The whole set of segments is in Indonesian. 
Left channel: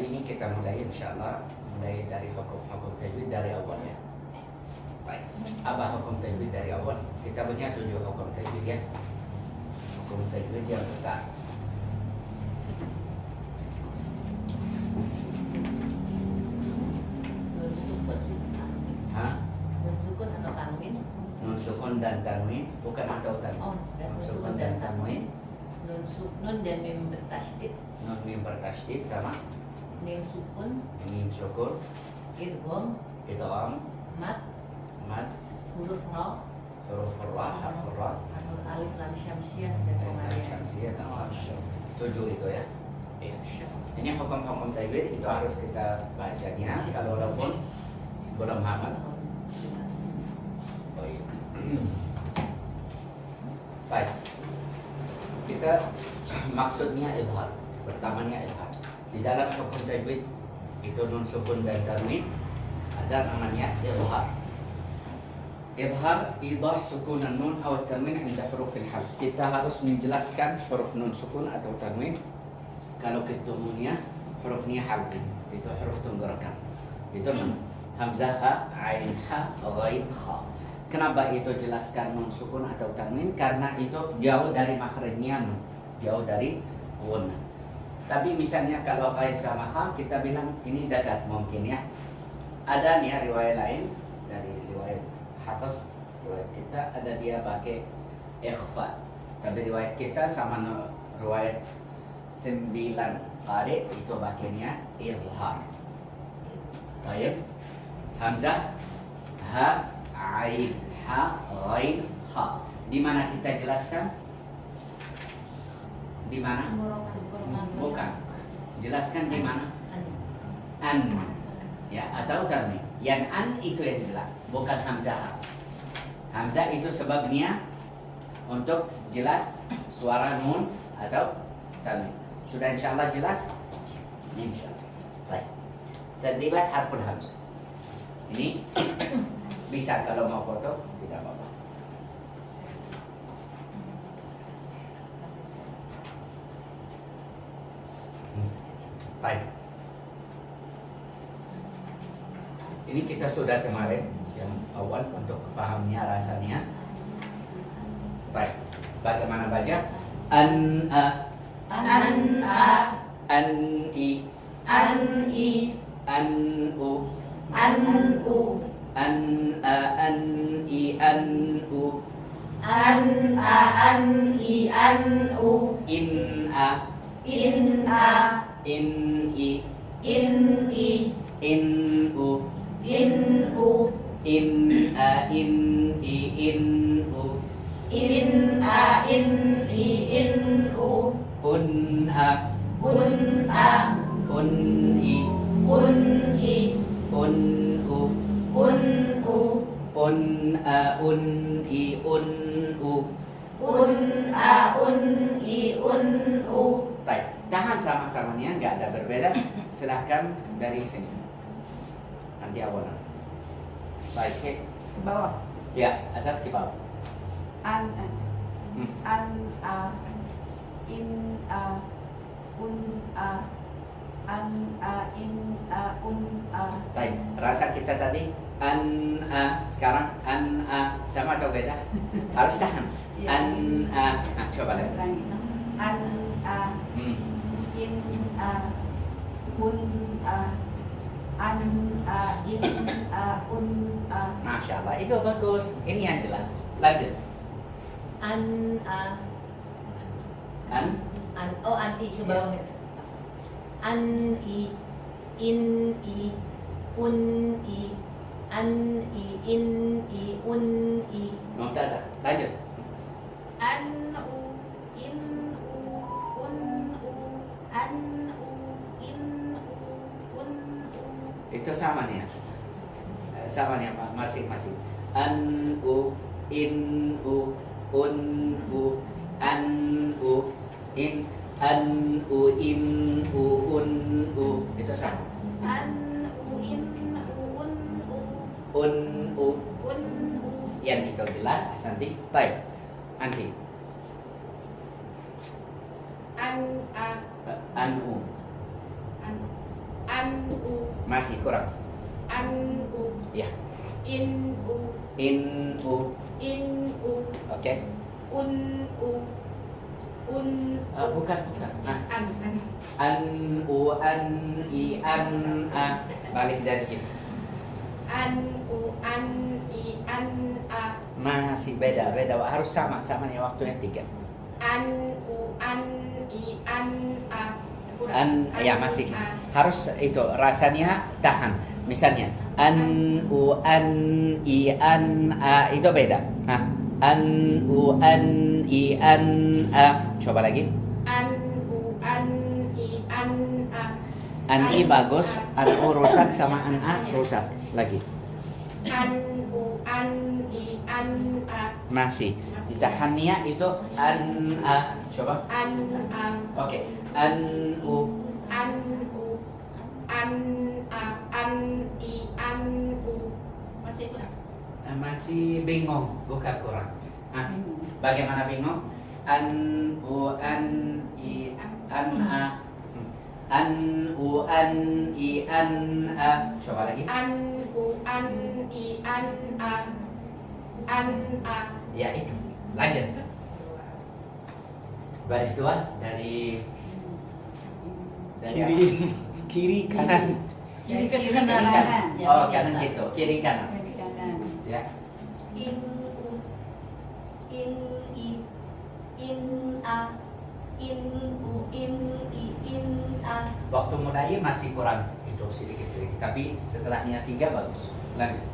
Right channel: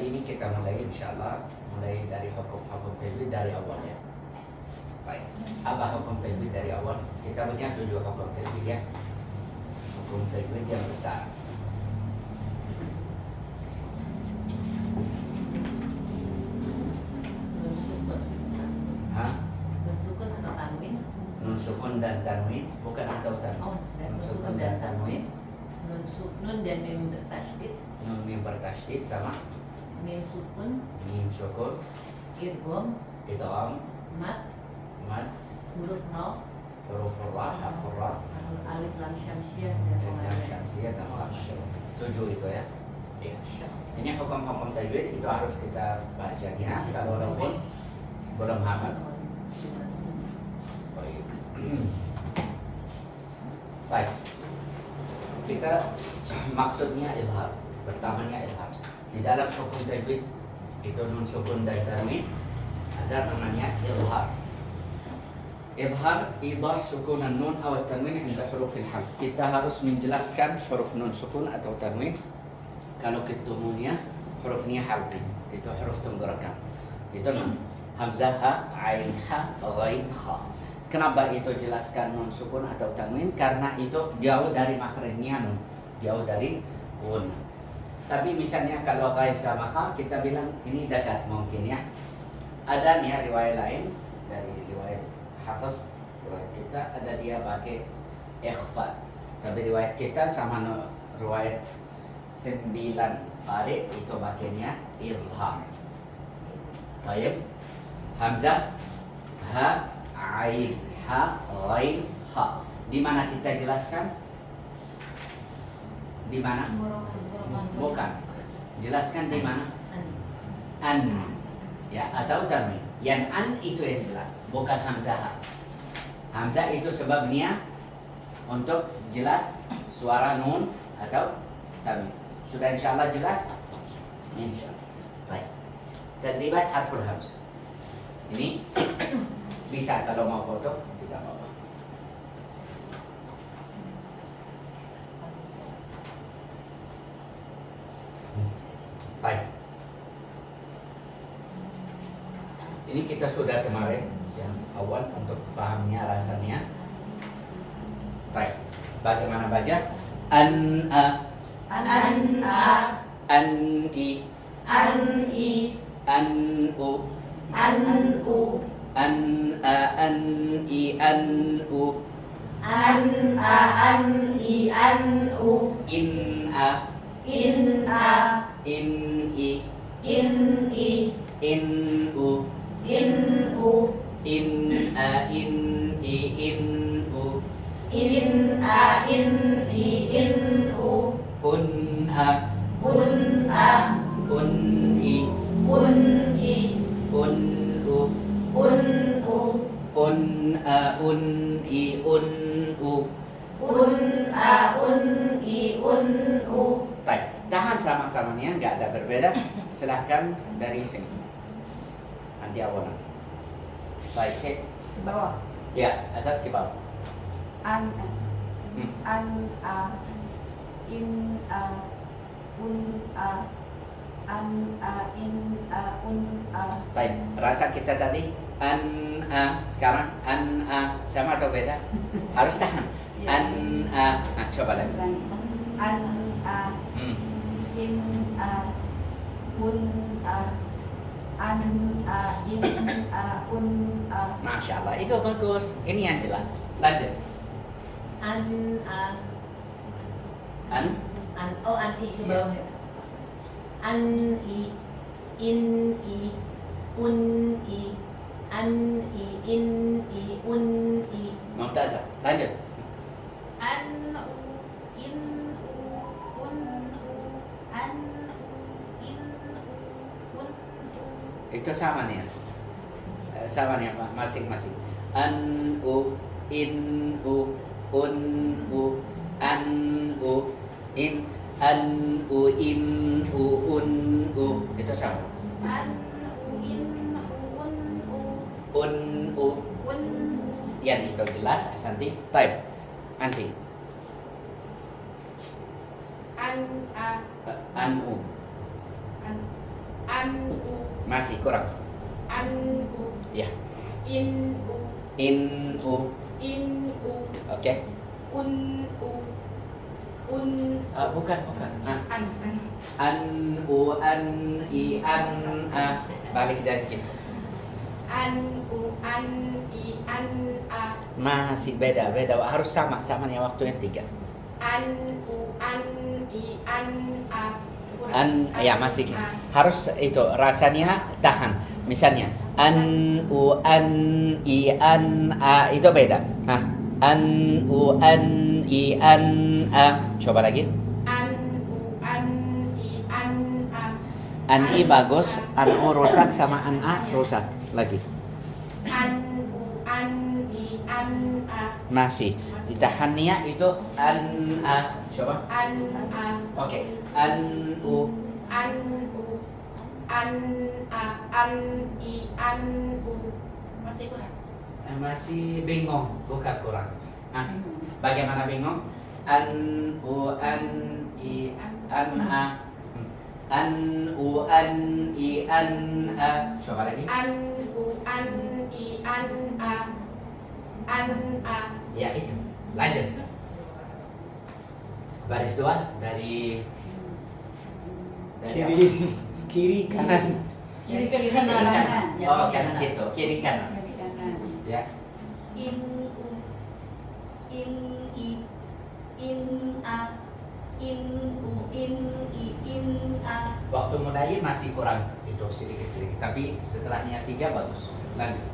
kali ini kita mulai insyaallah mulai dari hukum tajwid dari awal ya. Baik. Apa hukum tajwid dari awal? Kita punya 7 hukum tajwid ya. Hukum tajwid yang besar. Nun sukun dan tanwin bukan atau tanwin. Oh, Nun sukun dan tanwin. Nun dan mim bertasydid. Nun mim bertasydid sama Mim sukun, mim sukun, idgham, idgham, mat, mad, huruf ra, huruf ra, harf ra, alif lam syamsiah dan yang lain. syamsiah dan tasyur. 7 itu ya. Iya. Ini hukum-hukum tajwid itu harus kita baca ya. Kalau walaupun belum hafal. Baik. Kita maksudnya idhar. Pertamanya idhar. Di dalam hukum tajwid itu nun sukun dan tanwin ada namanya idhar. Idhar idah sukun nun atau tanwin inda huruf al-hal. Kita harus menjelaskan huruf nun sukun atau tanwin kalau ketemunya hurufnya halnya. Itu huruf tenggorokan. Itu nun. Hamzah, ha, ain, ha, ghain, kha. Kenapa itu jelaskan nun sukun atau tanwin? Karena itu jauh dari makhrajnya nun, jauh dari gun. Tapi misalnya kalau kait sama kha, kita bilang ini dekat mungkin ya. Ada nih ya, riwayat lain dari riwayat Hafiz, riwayat kita ada dia pakai ikhfa. Tapi riwayat kita sama riwayat 9 qari itu pakainya ilham. Baik. Hamzah, ha, ain, ha, ghain, kha. Di mana kita jelaskan? Di mana? Bukan. Jelaskan di mana? An. Ya, atau tanwin. Yang an itu yang jelas, bukan hamzah. Hamzah itu sebabnya untuk jelas suara nun atau tanwin. Sudah insyaallah jelas? Insyaallah. Baik. Terlibat harful hamzah. Ini bisa kalau mau foto tidak apa-apa. Baik. Ini kita sudah kemarin yang awal untuk pahamnya rasanya. Baik. Bagaimana baca? An a an i an u an a an i an u in a in i in u in a in i in u un a un i un u un a un i un u Baik, tahan sama-samanya nggak ada berbeda. Silahkan dari sini. Nanti awalan. Baik, Ke bawah. ya atas ke bawah. An a in a un a an a in a un a. Baik, rasa kita tadi an a, sekarang an a sama atau beda? Harus tahan. An a, nah, coba lagi. An a in a un a an a in a un a. Masya Allah, itu bagus. Ini yang jelas. Lanjut. An i ke bawah ya. An i in i un i an i in i un i. Mumtazah. Lanjut. An u in u un u an u in u un u. Itu sama nih ya. Sama nih masing-masing. An u in u un u an u in an u in u un u itu sama. An u in u un u Un u un u. yang itu jelas Santi. Baik. Anti. An a An u. an Masih kurang. Ya. In u Oke. Bukan. An u an i an a. Balik dari gitu. Masih beda. Harus samanya waktunya 3. Ya masih harus itu rasanya tahan. Misalnya an u an i an a itu beda. An u an i an a. Coba lagi. An i bagus, an u rusak sama an a rusak. Lagi. Masih. Ditahannya itu an a. Coba. Oke. An u masih bingung, bukan kurang. Bagaimana bingung? An u an i an a. An u an i an a. Coba lagi. Ya itu. Lanjut. Baris 2 dari kiri kanan. Kiri kanan. Oh, kanan gitu. Kiri kanan. Ya. Waktu mulai masih kurang itu sedikit, tapi setelahnya 3 bagus. Lanjut.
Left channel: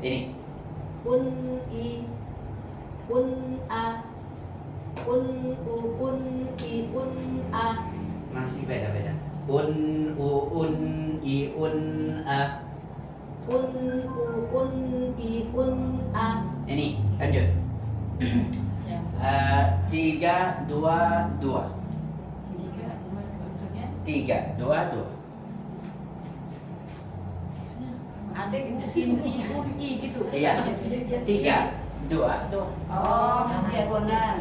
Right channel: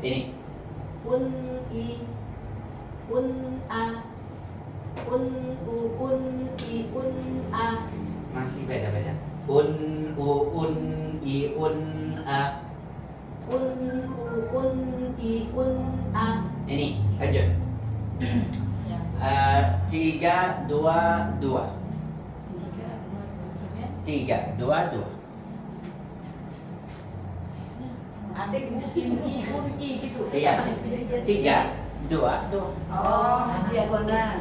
Ini. Masih beda. Ini lanjut. 3, 2, 2. 3, 2, 2. Gitu. Iya. 3, 2. Oh, diagonal.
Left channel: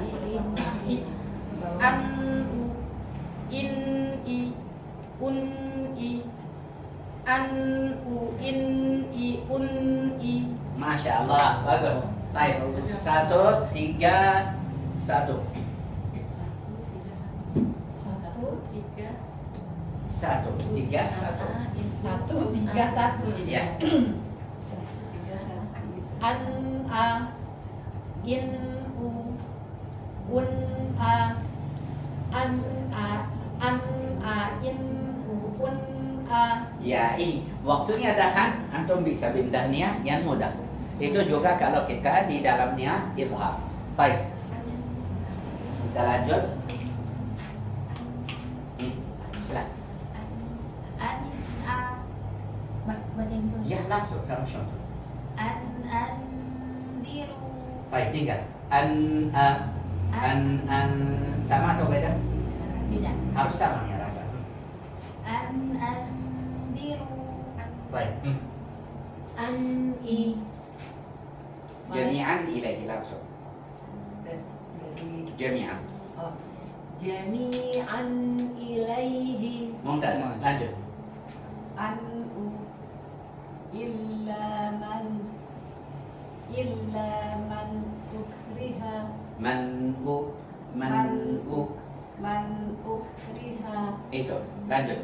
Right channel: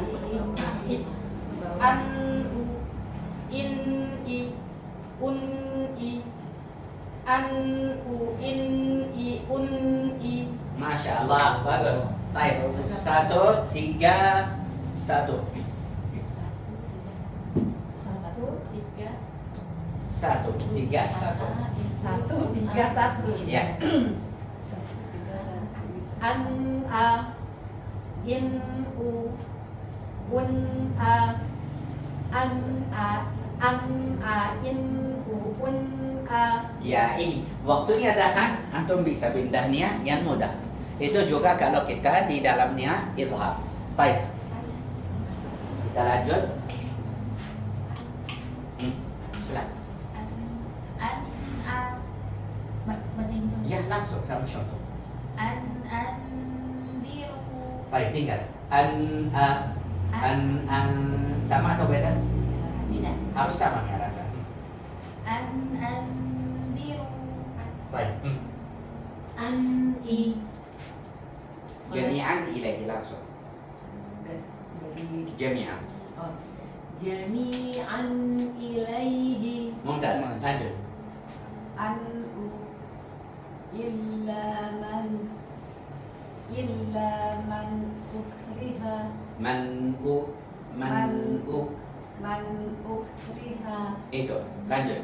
Masya Allah, bagus. Baik. 1, 3, 1. 1, 3, 1. Ya. Ya ini waktunya tahan, antum bisa pindahnya yang mudah. Itu juga kalau kita di dalamnya idhar. Baik. Kita lanjut. Silakan. Ya langsung sama contoh. Biru. Baik, tinggal. Sama atau beda? Beda. Harus sama ya rasa. Biru. Baik. Jami'an ilahi langsung. Jami'an. Jami'an ilaihi. Mumtaz. Lanjut. Illa man ukriha. Man ukriha. Itu. Lanjut.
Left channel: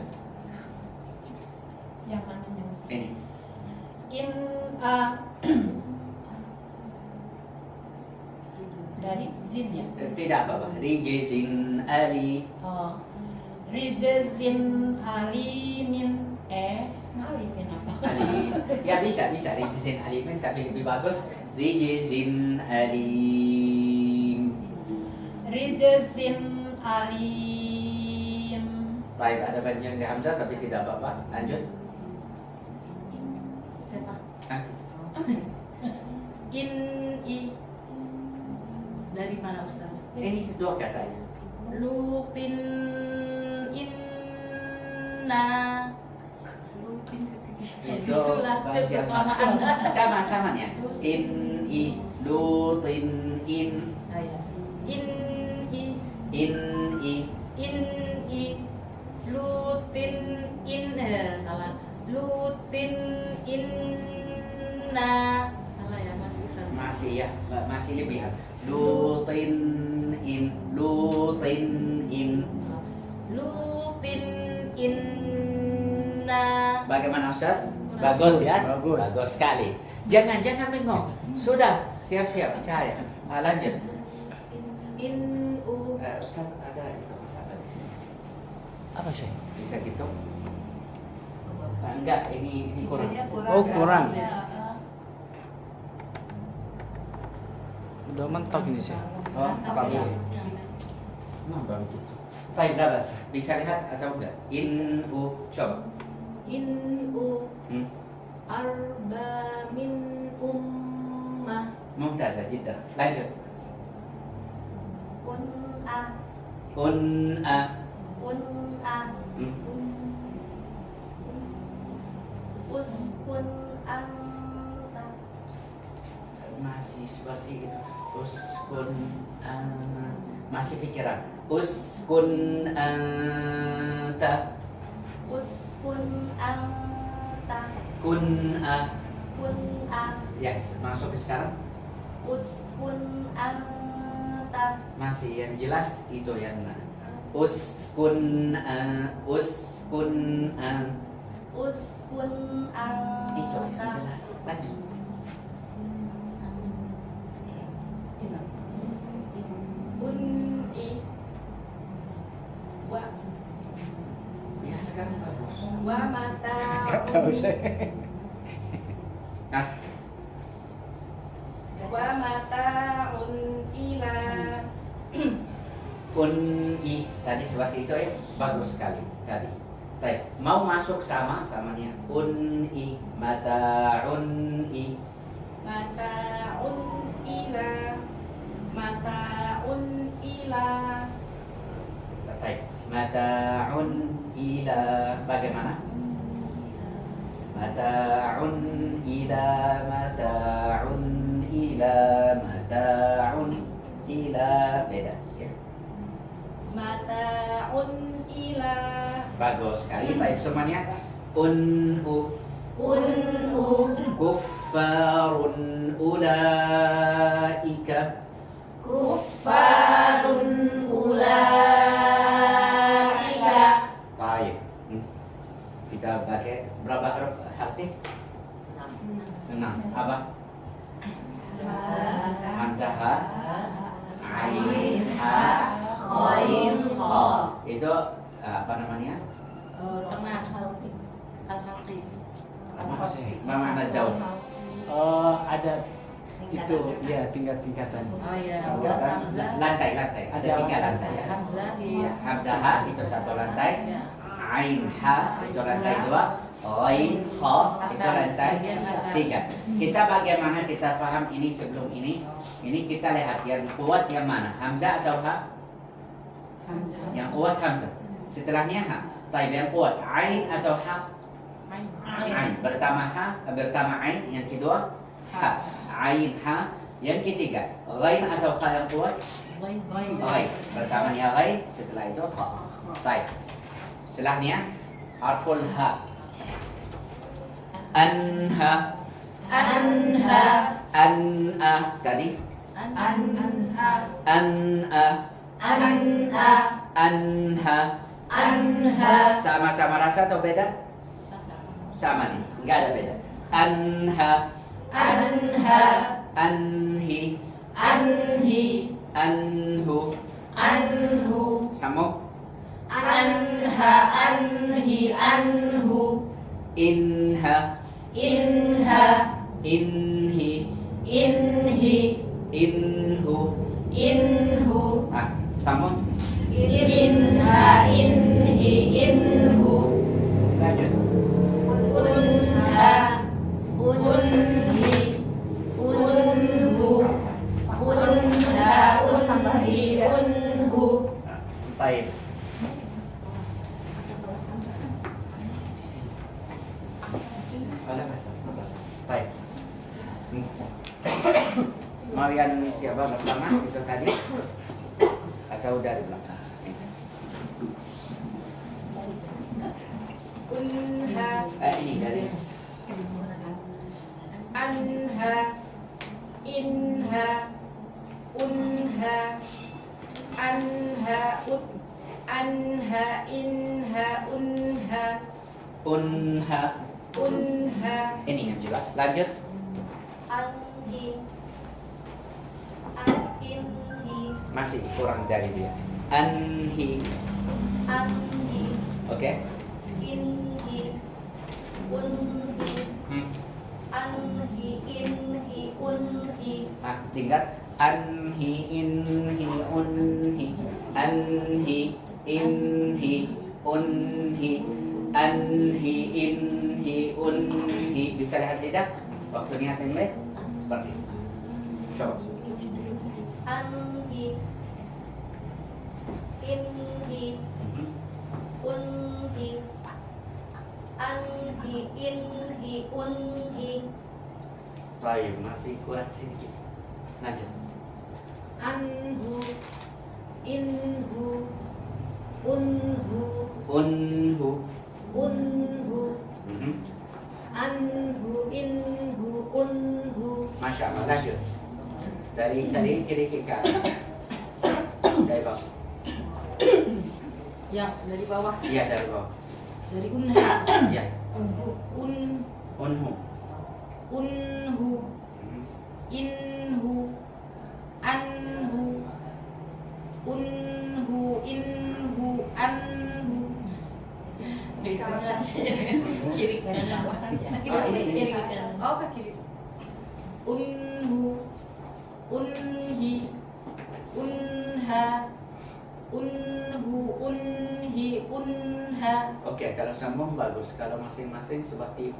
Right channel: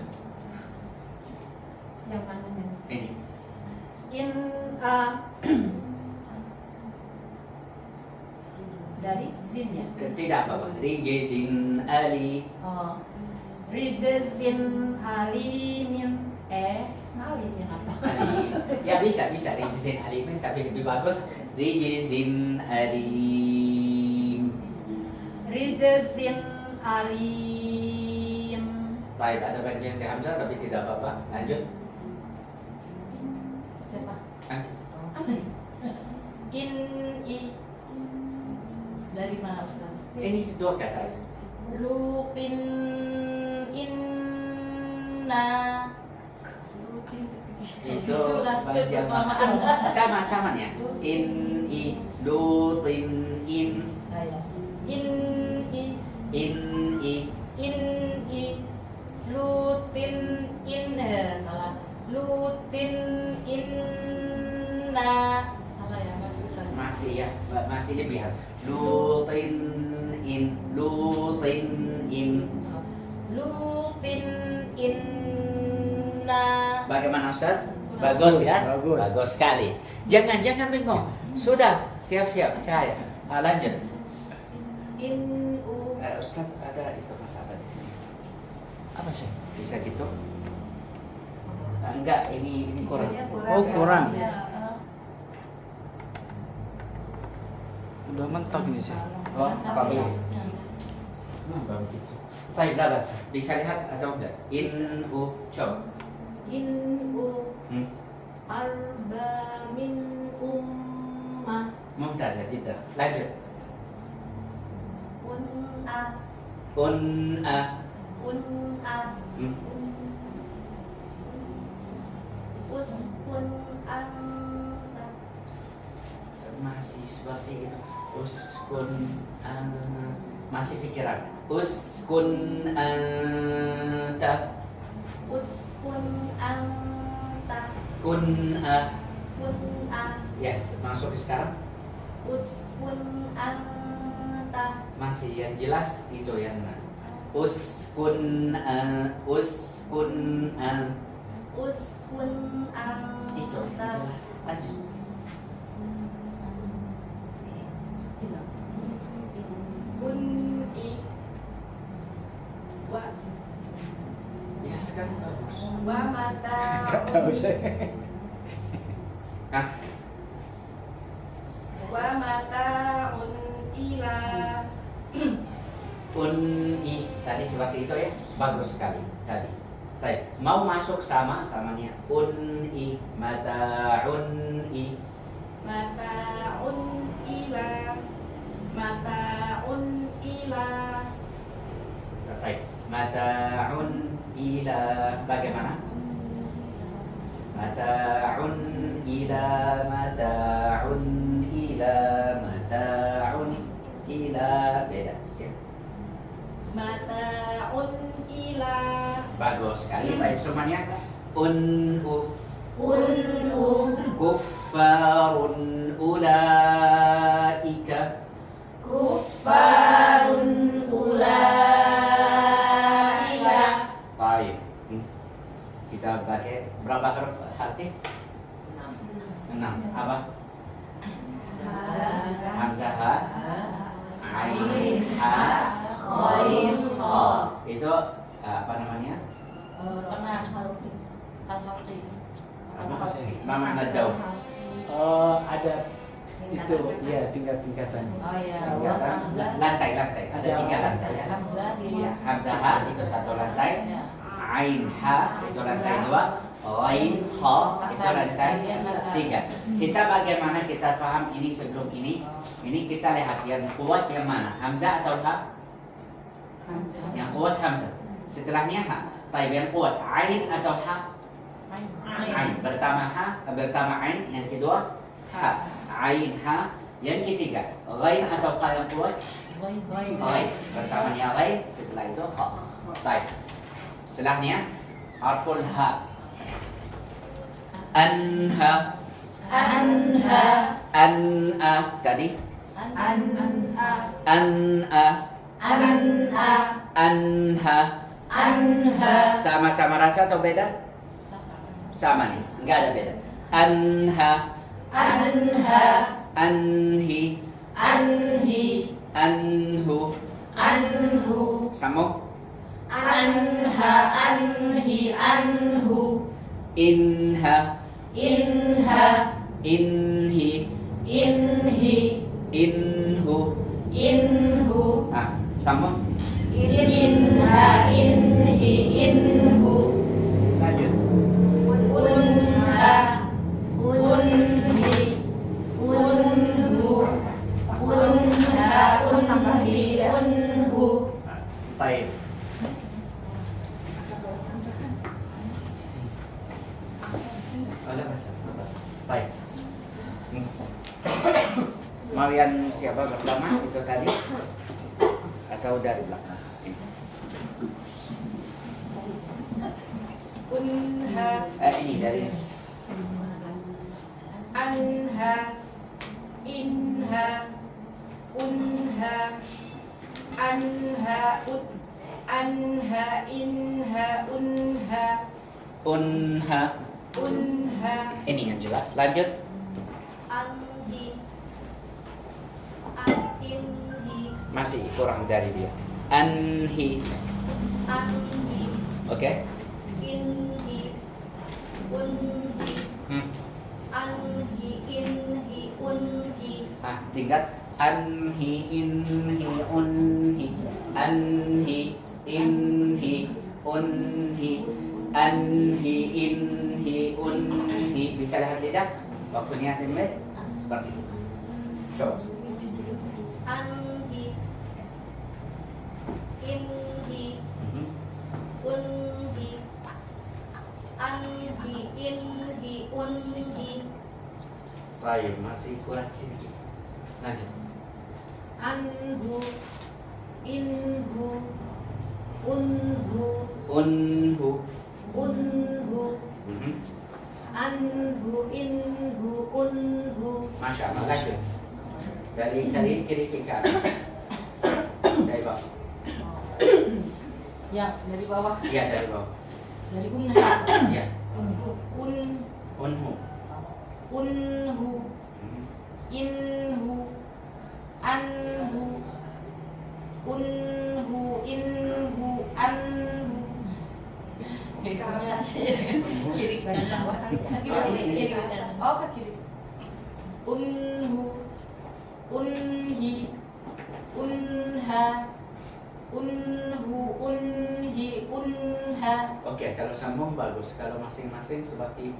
Yang mananya Ustaz? Ini. Dari zin ya? Tidak apa-apa. Rijizin ali. Oh. Rijzin alimin. Alimin apa? Ali. Ya bisa rijizin alimin, tapi lebih bagus rijizin alim. Rijzin alim. Baik, ada bagian di Hamzah tapi tidak apa-apa. Lanjut. Siapa? Nanti. Dari mana Ustaz? Ini 2 kata aja. Lutin inna. Itu bagian sama-samanya. Lutin in. In In Ustaz? Bagus ya? Bagus. Bagus sekali. Jangan bingung. Sudah, siap-siap. Cahaya. Lanjut. In u Ustaz, ada itu masalah di sini. Apa sih? Bisa gitu? Enggak, ini kurang. Oh, kurang. Ya. Udah mentok ini sih. Oh, bagus. Bagus gitu. Baik, berapa? Bisa lihat atau enggak? In u coba. in u Hmm. arba min ummah Mumtaz jiddan. Lanjut. Un'a. Un'a. Un'a. Hmm. Uskun anta. Masih seperti itu. Uskun masih pikiran. Uskun anta. Uskun anta. Kun'a. Kun'a. Yes, masuk sekarang. Uskun anta. Masih yang jelas itu yang mana? Uskun uskun Uskun anta. itu jelas. Lanjut. un'i wa Ya sekarang bagus. wa mata Gak tahu saya. Hah? wa mata ila Un'i tadi seperti itu ya, bagus sekali tadi. Baik, mau masuk samanya. Un'i mata'un'i. mataun ila mataun ila Baik, mata'un ila bagaimana? Mata'un ila mata'un ila mata'un ila beda ya. mataun ila Bagus sekali. Baik semuanya. Un'u un'u kuffarun ulaika. kuffarun ulaika Baik. Kita pakai berapa huruf hati? 6. Apa? Hamzah, ha, ain, ha, Khoim, kho. itu apa namanya? tengah al-haqi Apa sih? Mana daun? Oh, ada itu ya tingkat-tingkatan. oh ya Ya, buat hamzah lantai. Ada Ada 3 lantai ya. hamzah di Hamzah ha itu 1 lantai, ya. ain ha itu lantai 2, ghain kha itu lantai 3. Kita bagaimana kita paham ini sebelum ini? Ini kita lihat yang kuat yang mana? Hamzah atau ha? Yang kuat hamzah. Setelahnya ha. Baik, yang kuat ain atau ha? Ain. Pertama ha, pertama ain, yang kedua ha. Ain ha. Yang ketiga ghain atau ha yang kuat? Ghain. Pertamanya ghain, setelah itu ha. Baik. Setelahnya harful ha. Anha. anha An'a tadi. anha An'a. anha Anha. anha Sama-sama rasa atau beda? Sama nih, enggak ada beda. Anha. anha Anhi. anhi Anhu. anhu Sambung. anha anhi anhu Inha. inha Inhi. inhi Inhu. inhu Ah, sambung. inha inhi inhu Lanjut. unha unhi unhu unha unhi unhu Baik. Oleh masa. Baik. Mau yang siapa pertama itu tadi atau dari belakang? unha Ini dari anha inha unha anha anha inha unha unha. unha, Ini yang jelas. Lanjut. anhi, inhi, Masih kurang dari dia. Anhi. anhi, Oke. inhi, unhi, Hmm. anhi, inhi, unhi, Nah, tingkat anhi, inhi, unhi, anhi, inhi, unhi, anhi, inhi, unhi. Bisa lihat tidak? Waktunya dimulai seperti itu. Coba. anhi, inhi, Mhm. unhi, anhi, inhi, unhi, Baik, masih kurang sedikit. Lanjut. anhu, inhu, unhu, Unhu. unhu, Mhm. anhu, inhu, unhu. Masya Allah. Lanjut. Dari kiri ke kanan. Dari bawah. Ya, dari bawah. Iya, dari bawah. Dari unha, Iya. unhu, Unhu. unhu, Mhm. inhu, anhu, unhu, inhu, anhu. Kiri kanan bawah kan ya? Kiri kanan. Oh, ke kiri. Unhu, unhi, unha, unhu, unhi, unha. Oke, kalau sambung bagus. Kalau masing-masing seperti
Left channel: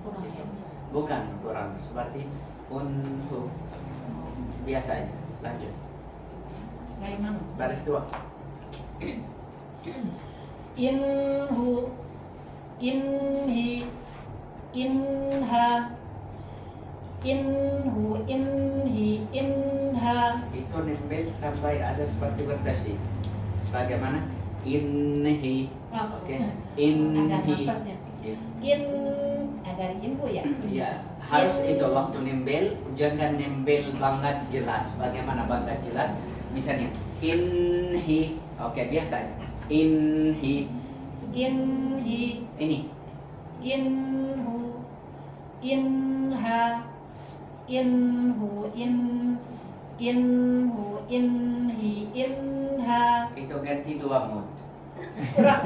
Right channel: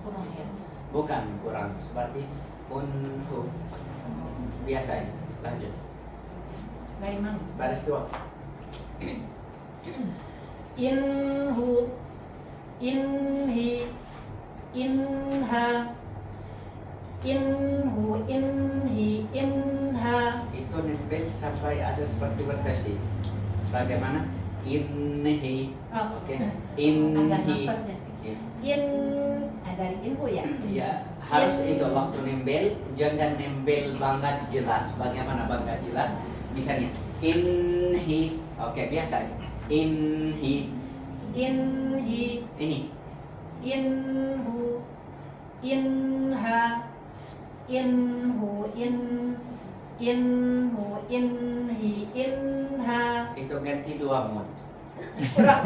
Kurang ya. bukan kurang seperti unhu biasanya. Lanjut. Dari mana? Baris dua. Inhu, inhi, inha, inhu, inhi, inha. Itu nempel sampai ada seperti bertasydid. Bagaimana? Inhi. Oke. Inhi. Ya. In, dari inhu ya? Iya, harus itu waktu nembel, jangan nembel banget jelas. Bagaimana banget jelas? Misalnya inhi, oke biasa. Inhi, Inhi, ini inhu, inha, inhu, inhu, inhi, inha. itu ganti dua mood. Kurang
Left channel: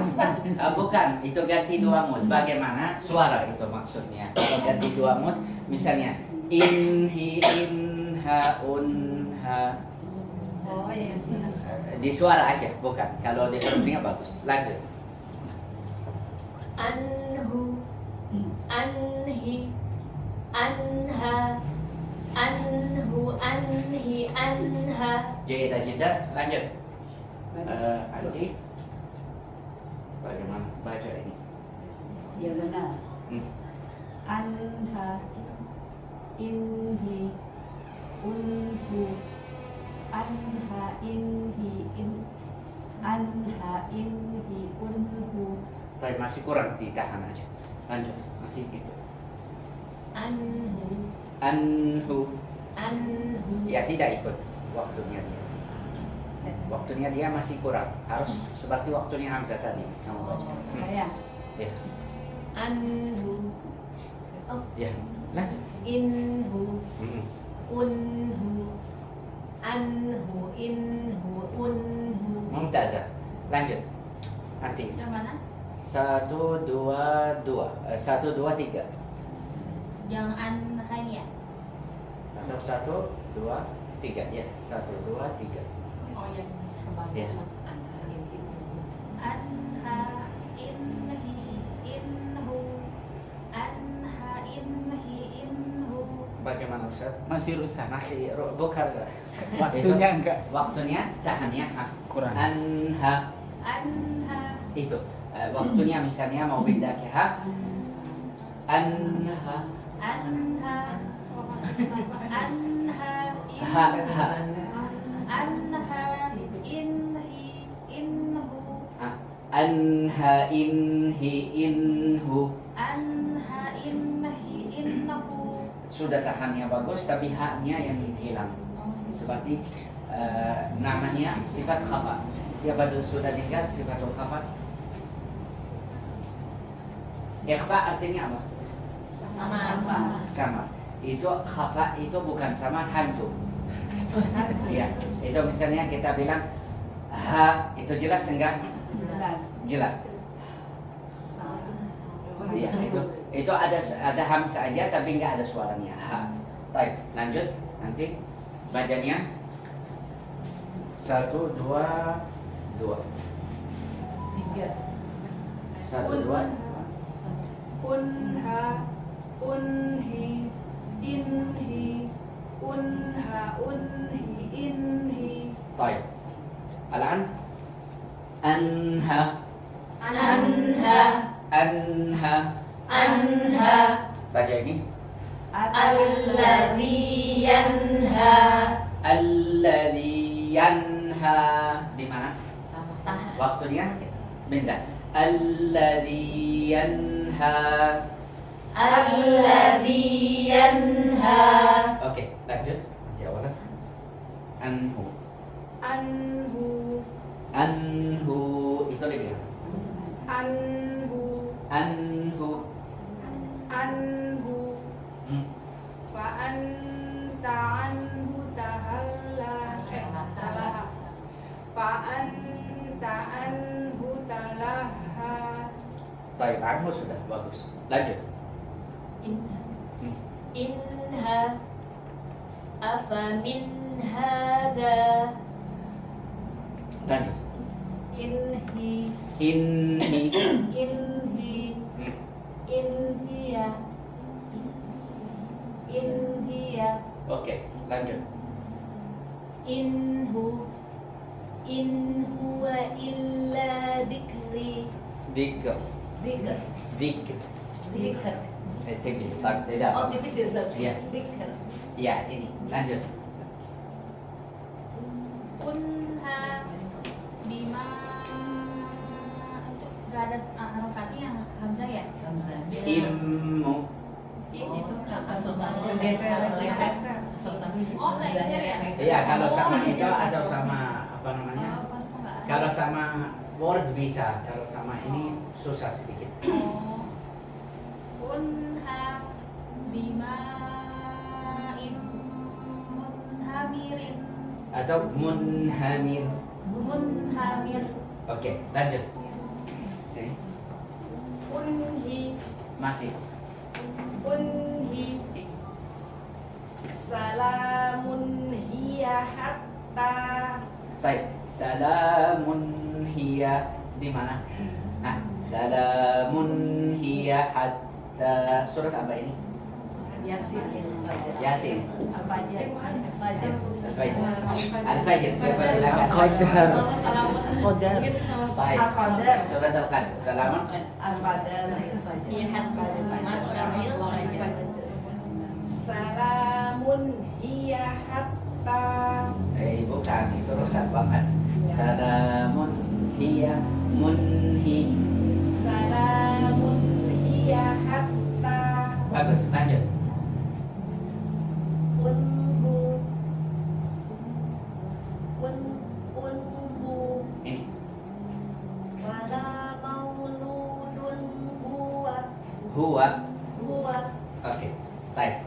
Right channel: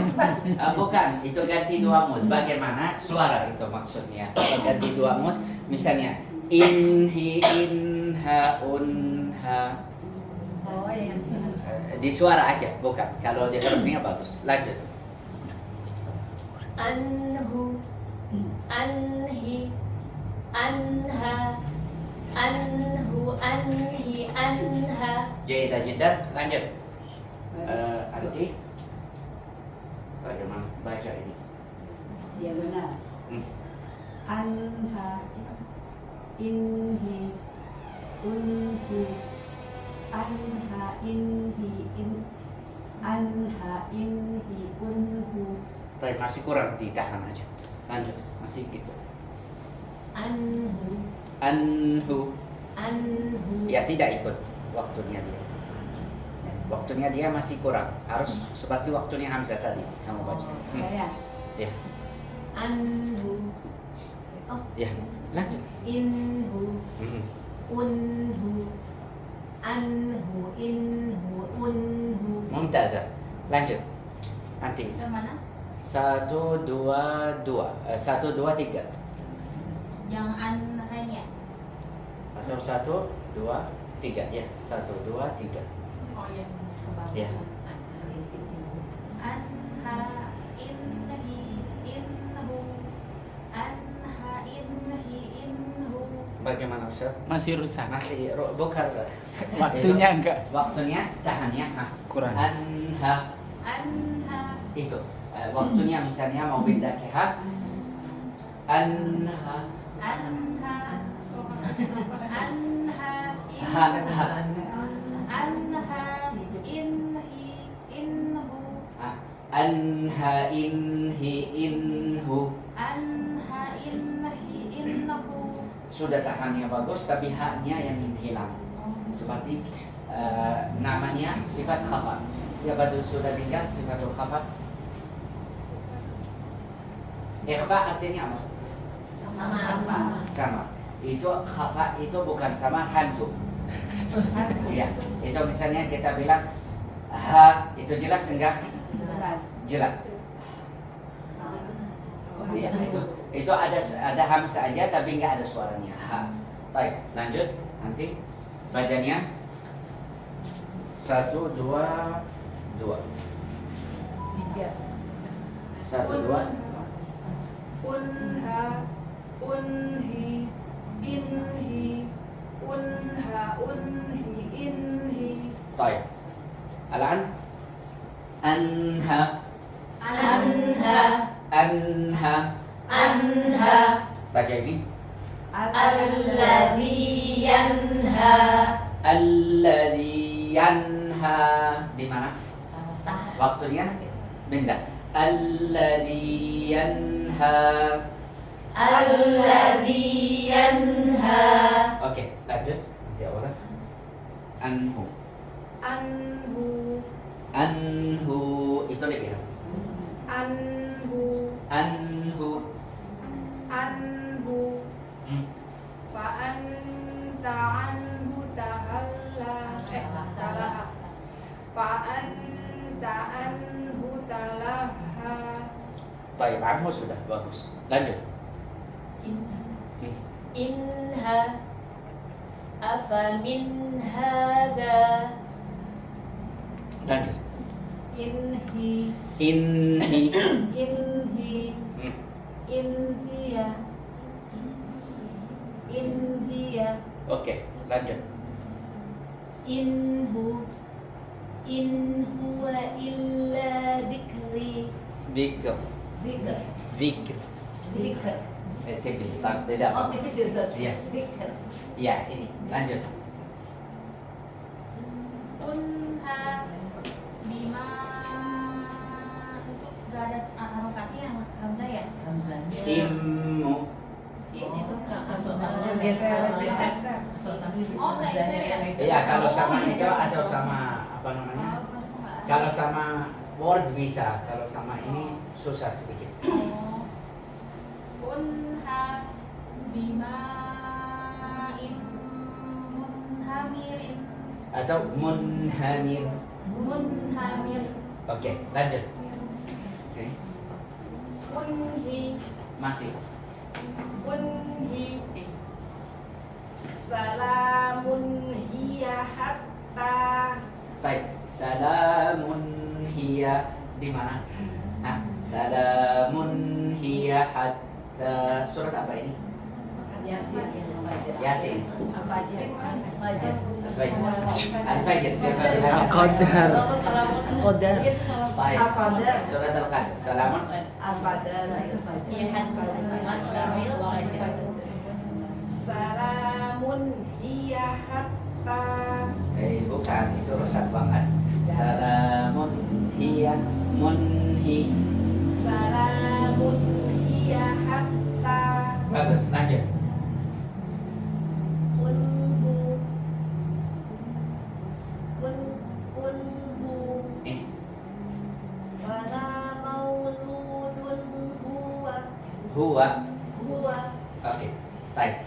Bukan, itu ganti dua mood. Bagaimana suara itu maksudnya? Kalau ganti dua mood, misalnya inhi, inha, unha. Oh ya. Di suara aja, bukan. Kalau di hurufnya bagus. Lanjut. anhu, anhi, anha, anhu, anhi, anha, Jeda jeda. Lanjut. Anti. Bagaimana baca ini? Ya benar. Hmm. Anha, inhi, unhu, anha, inhi, anha, inhi, unhu, Tapi masih kurang ditahan aja. Lanjut. Nanti gitu. anhu, Anhu. anhu. Ya tidak ikut waktunya dia. Waktunya dia masih kurang. Harus seperti waktunya Hamzah tadi kamu baca. Saya. Ya. Anhu, Ya. Lanjut. inhu, Hmm. unhu, anhu, inhu, unhu. Mumtazah. Lanjut. Nanti. Yang mana? 1, 2, 2. 1, 2, 3. Yang anhanya. Atau 1, 2, 3. Ya. 1, 2, 3. Oh yang Yes. kebablasan. Anha, inhi, inhu, anha, inhi, inhu. Bagaimana Ustaz? Masih rusak. Masih bukan. Waktunya Itu, enggak. Waktunya tahannya Kurang. Anha Anha, itu. Waktunya misalnya mau pindah ke ha. Anha. anha, anha, Ha, inhu, ha. anha, inhi, inhu, Ah, Anha inhi inhu. anha, inhi, inhu. Sudah tahannya bagus tapi haknya yang hilang. Seperti namanya sifat khafa. Siapa tuh sudah dengar sifatul khafa? Ikhfa artinya apa? Sama. Itu khafa itu bukan sama hantu. Iya, itu misalnya kita bilang ha, itu jelas enggak? Jelas. Iya, itu ada hamzah aja tapi enggak ada suaranya. Ha. Baik, lanjut nanti bacanya 1 2 2. 1 2. Unha, unhi, inhi, unha, unhi, inhi. Baik. Al-an anha Anha, anha. anha, Baca ini. alladhi yanha. Alladhi yanha. Di mana? Waktunya benda. Alladhi yanha. Alladhi yanha. Oke, lanjut. Jawab. Anhu. Anhu, Anhu itu dia. anhu, Anhu. anhu. Hmm. Fa anta anhu talaha. Fa anta anhu talaha. Baik, anhu sudah bagus. Lanjut. Hmm. Inha, afa min hada. Lanjut. Inhi, Inhi. inhi, Hmm. inhiya, inhiya. Oke, lanjut. Inhu, in huwa illa dikri. Dikr. Dikr, Dikr. dikr. Tipis, tak tidak. Oh, tipis ya Ustaz? Iya. Dikr. Iya, ini. Lanjut. Unha bima nggak ada anotasi yang hamzah ya? Immu. Ini tuh Oh, Iya, kalau sama itu asal sama apa namanya? Kalau sama word bisa, kalau sama ini susah sedikit. Unha bima munhamirin Atau munhamir. munhamir Oke, lanjut. Sini. unhi Masih. unhi salamun hiya hatta Baik. Salamun hiya di mana? Nah, salamun hiya hatta surat apa ini? Yasin Yasin. apa aja Baik. Al-Fajr. Siapa bilang? Qadar. Qadar. Baik. Al-Qadar. Surat Al-Qadar. Salamun. Al-Qadar salamun hiya hatta Bukan, itu rusak banget. Salamun hiya munhi. salamun hiya hatta Bagus, lanjut. Unhu, unhu, Ini. wala mauludun huwa, Huwa. huwa. Oke, baik.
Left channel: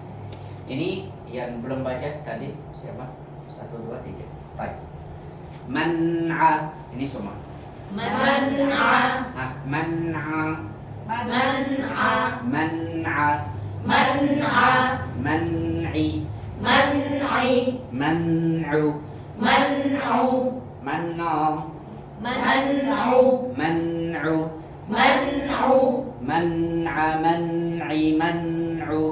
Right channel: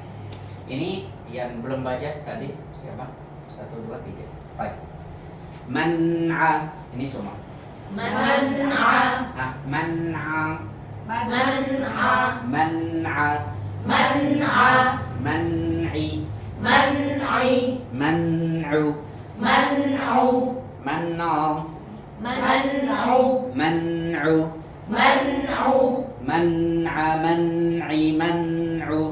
Ini yang belum baca tadi siapa? 1, 2, 3. Baik. Man'a. Ini semua. Man'a, Ah, man'a. man'a, Man'a. man'a, Man'i. man'i, Man'u. man'u, Man'u. man'u, Man'u. man'u, Man'a. Man'i. Man'u.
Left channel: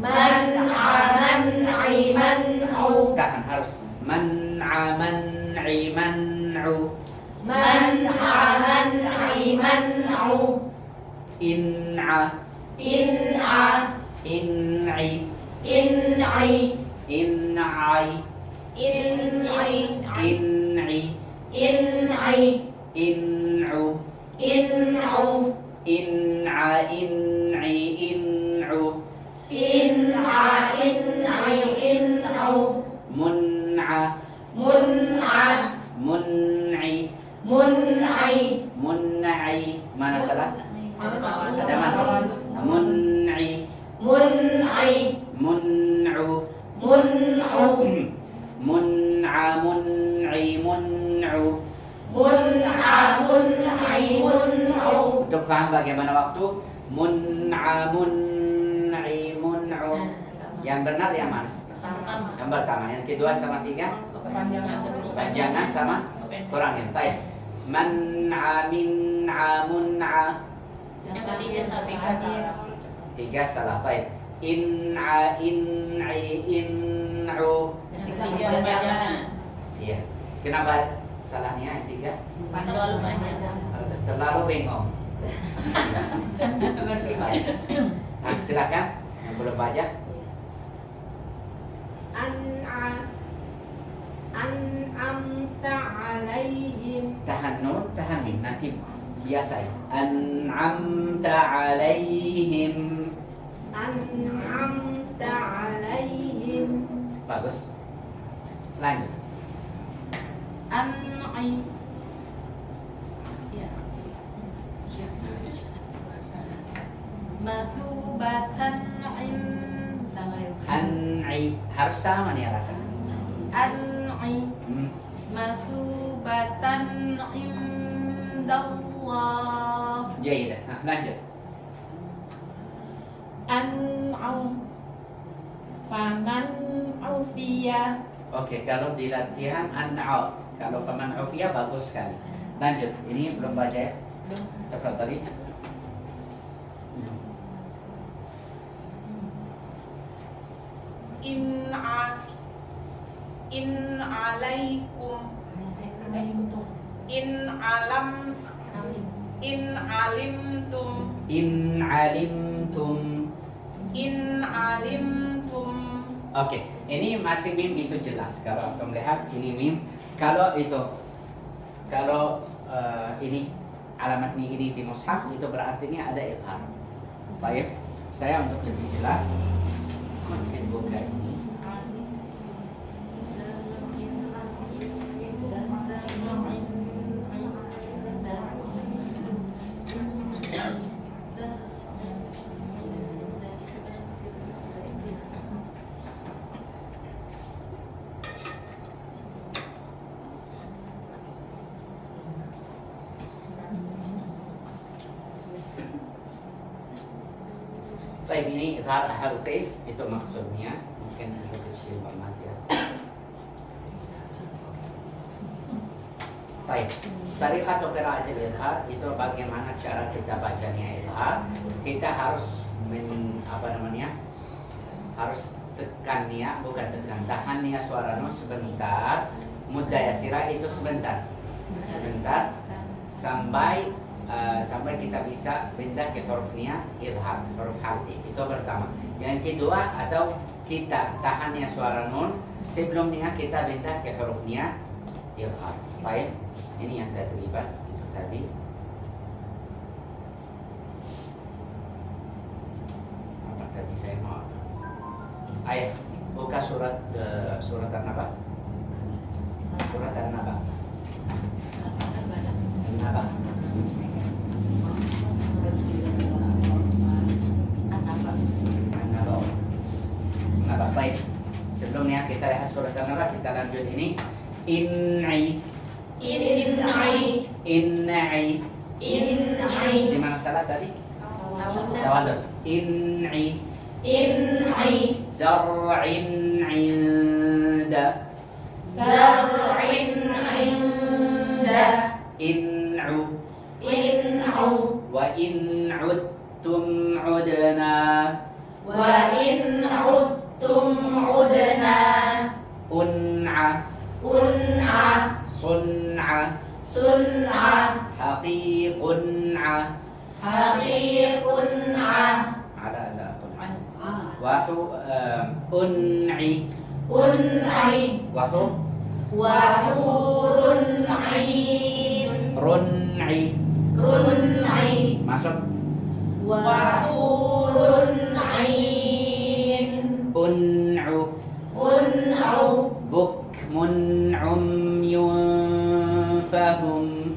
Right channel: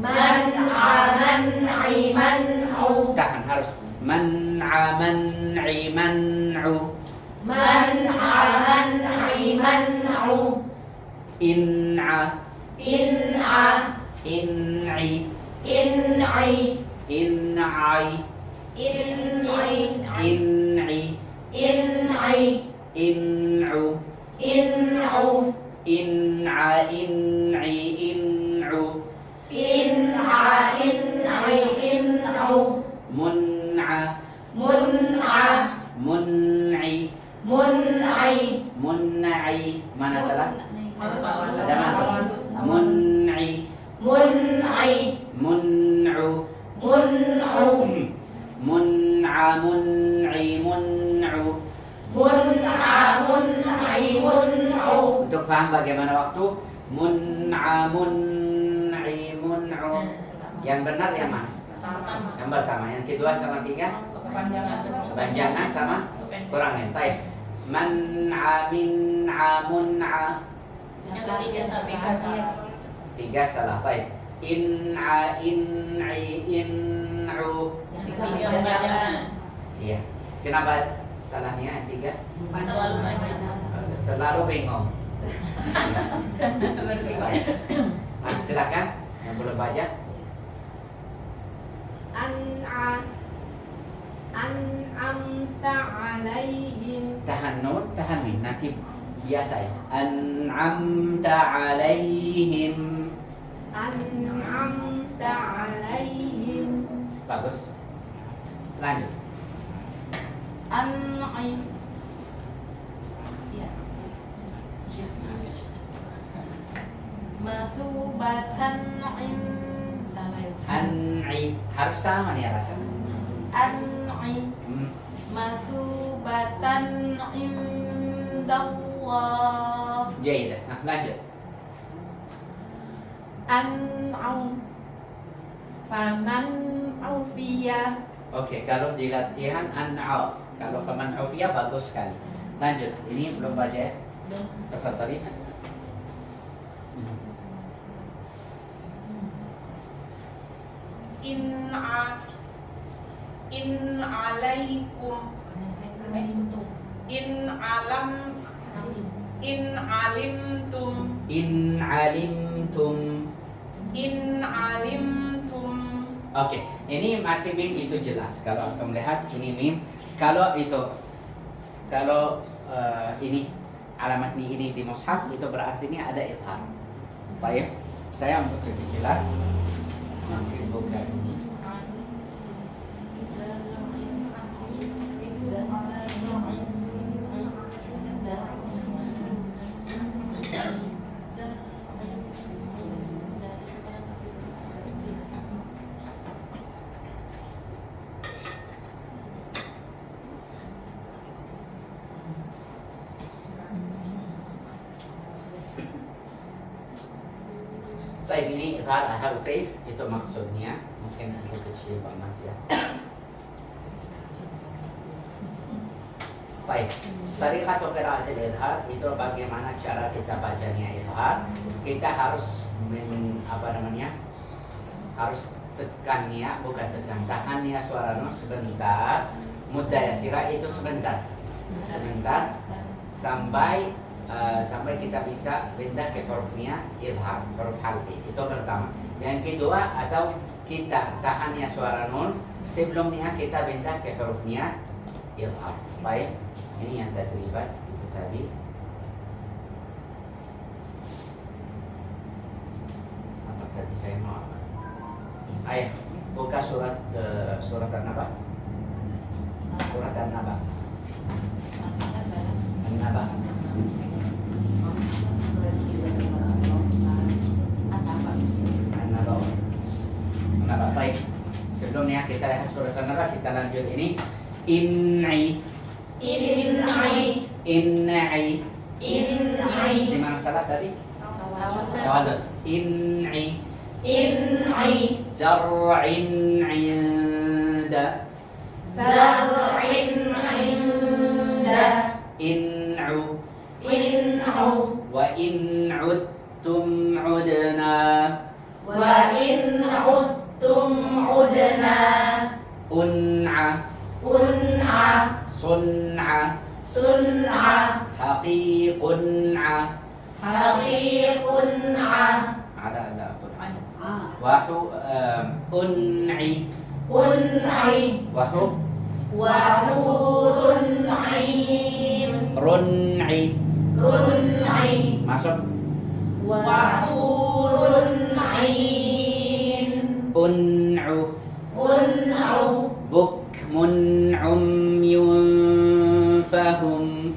man'a, man'i, man'u, Tahan harus. Man'a. Man'i. Man'u. man'a, man'i, man'u, In'a. in'a, In'i. in'i, In'ai. in'i, In'i. in'i, In'u. in'u, In'a. In'i. In'u. in'a, in'i, in'u, Mun'a. mun'a, Mun'i. mun'i, Mun'i. Mana salah? Ada Ada mana? Mun'i. mun'i mun'u mun'u mun'a mun'i mun'u. mun'a mun'i mun'u. Untuk paham bagaimana waktu mun'a mun'i mun'u. Yang benar yang mana? Yang pertama, yang kedua sama tiga panjangan sama kurangnya. Taib. Man'a min'a mun'a. Tiga salah. Taib. In'a in'i in'u. Iya. Kenapa salahnya yang tiga? Terlalu bengong. Baik. Silakan yang belum baca. An'amta alaihim. Tahan nun, tahan mim. Nanti biasa ya. An'amta alaihim. An'amta alaihim. Bagus. Selanjut. An'im. Ya. Mathubatan An'i harus sama nih rasa. An'im. Mathubatan indallah. Jayid. Nah, lanjut. An'am. Faman ufiya. Oke, kalau di latihan an'au. Kalau faman ufiya bagus sekali. Lanjut. Ini belum baca ya? Tafadhali. In alaikum in alimtum In alimtum. in alimtum. Oke, ini masih mim itu jelas. Kalau kamu lihat ini mim. Kalau itu, kalau ini alamatnya ini di mushaf itu berarti ini ada idhar. Baik, saya untuk lebih jelas mungkin buka ini. Baik, ini idhar ahal kaif itu maksudnya. Mungkin ada kecil banget ya. Baik, dari kata qiraatul idhar itu bagaimana cara kita bacanya idhar. Kita harus harus tekan ya, bukan tekan, tahan ya suara no sebentar. Muddah yasira itu sebentar sampai kita bisa pindah ke hurufnya idhar, huruf halqi. Itu pertama. Yang kedua, atau kita tahannya suara nun sebelumnya kita pindah ke hurufnya idhar. Baik, ini yang terlibat itu tadi. Apa tadi saya mau apa? Ayat buka surat An-Naba. Surat An-Naba. An-Naba. An-Naba. Baik. Sebelumnya kita lihat surat An-Naba, kita lanjut ini. In'i. Di mana salah tadi? Tawallud. In'i. Zar'in 'inda. In'u. Wa in 'udtum 'udna. Un'a. Sun'a. Haqiqun'a. Ada un'i. Run'i. Masuk. Un'u. Bukmun umyun fahum.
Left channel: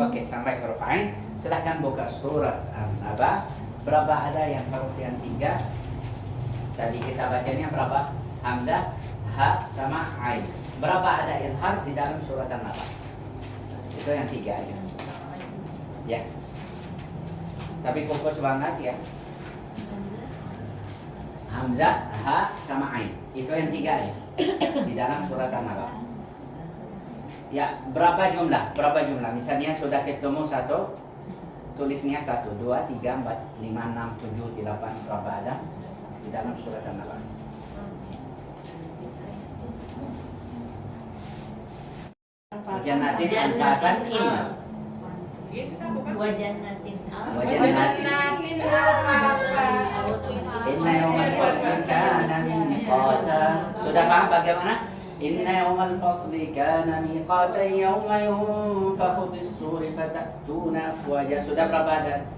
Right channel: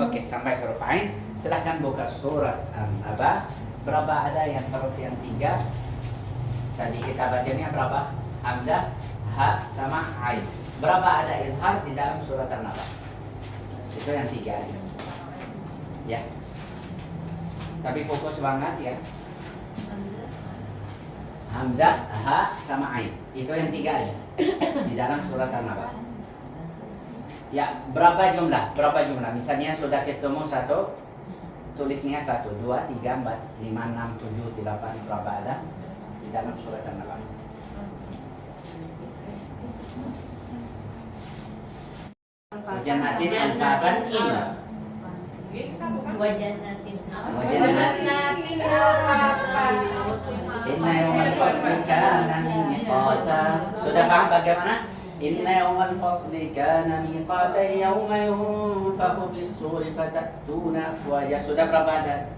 Oke, sampai huruf ain. Silahkan buka surat An-Naba. Berapa ada yang huruf yang 3? Tadi kita bacanya berapa? Hamzah, ha, sama ain. Berapa ada izhar di dalam surat An-Naba? Itu yang 3 aja. Ya. Tapi fokus banget ya. Hamzah, ha, sama ain. Itu yang 3 aja di dalam surat An-Naba. Ya, berapa jumlah? Berapa jumlah? Misalnya sudah ketemu 1, tulisnya 1, 2, 3, 4, 5, 6, 7, 8, berapa ada di dalam surat An-Naba? Wajanatin al-fatan inna. Wajanatin Wajanatin al-fatan. Inna yawmal fasli kana miqata. Sudah paham bagaimana? Inna yawmal fasli kana miqata yawma yunfakhu bis-suri fatatuna afwaja. Sudah berapa ada?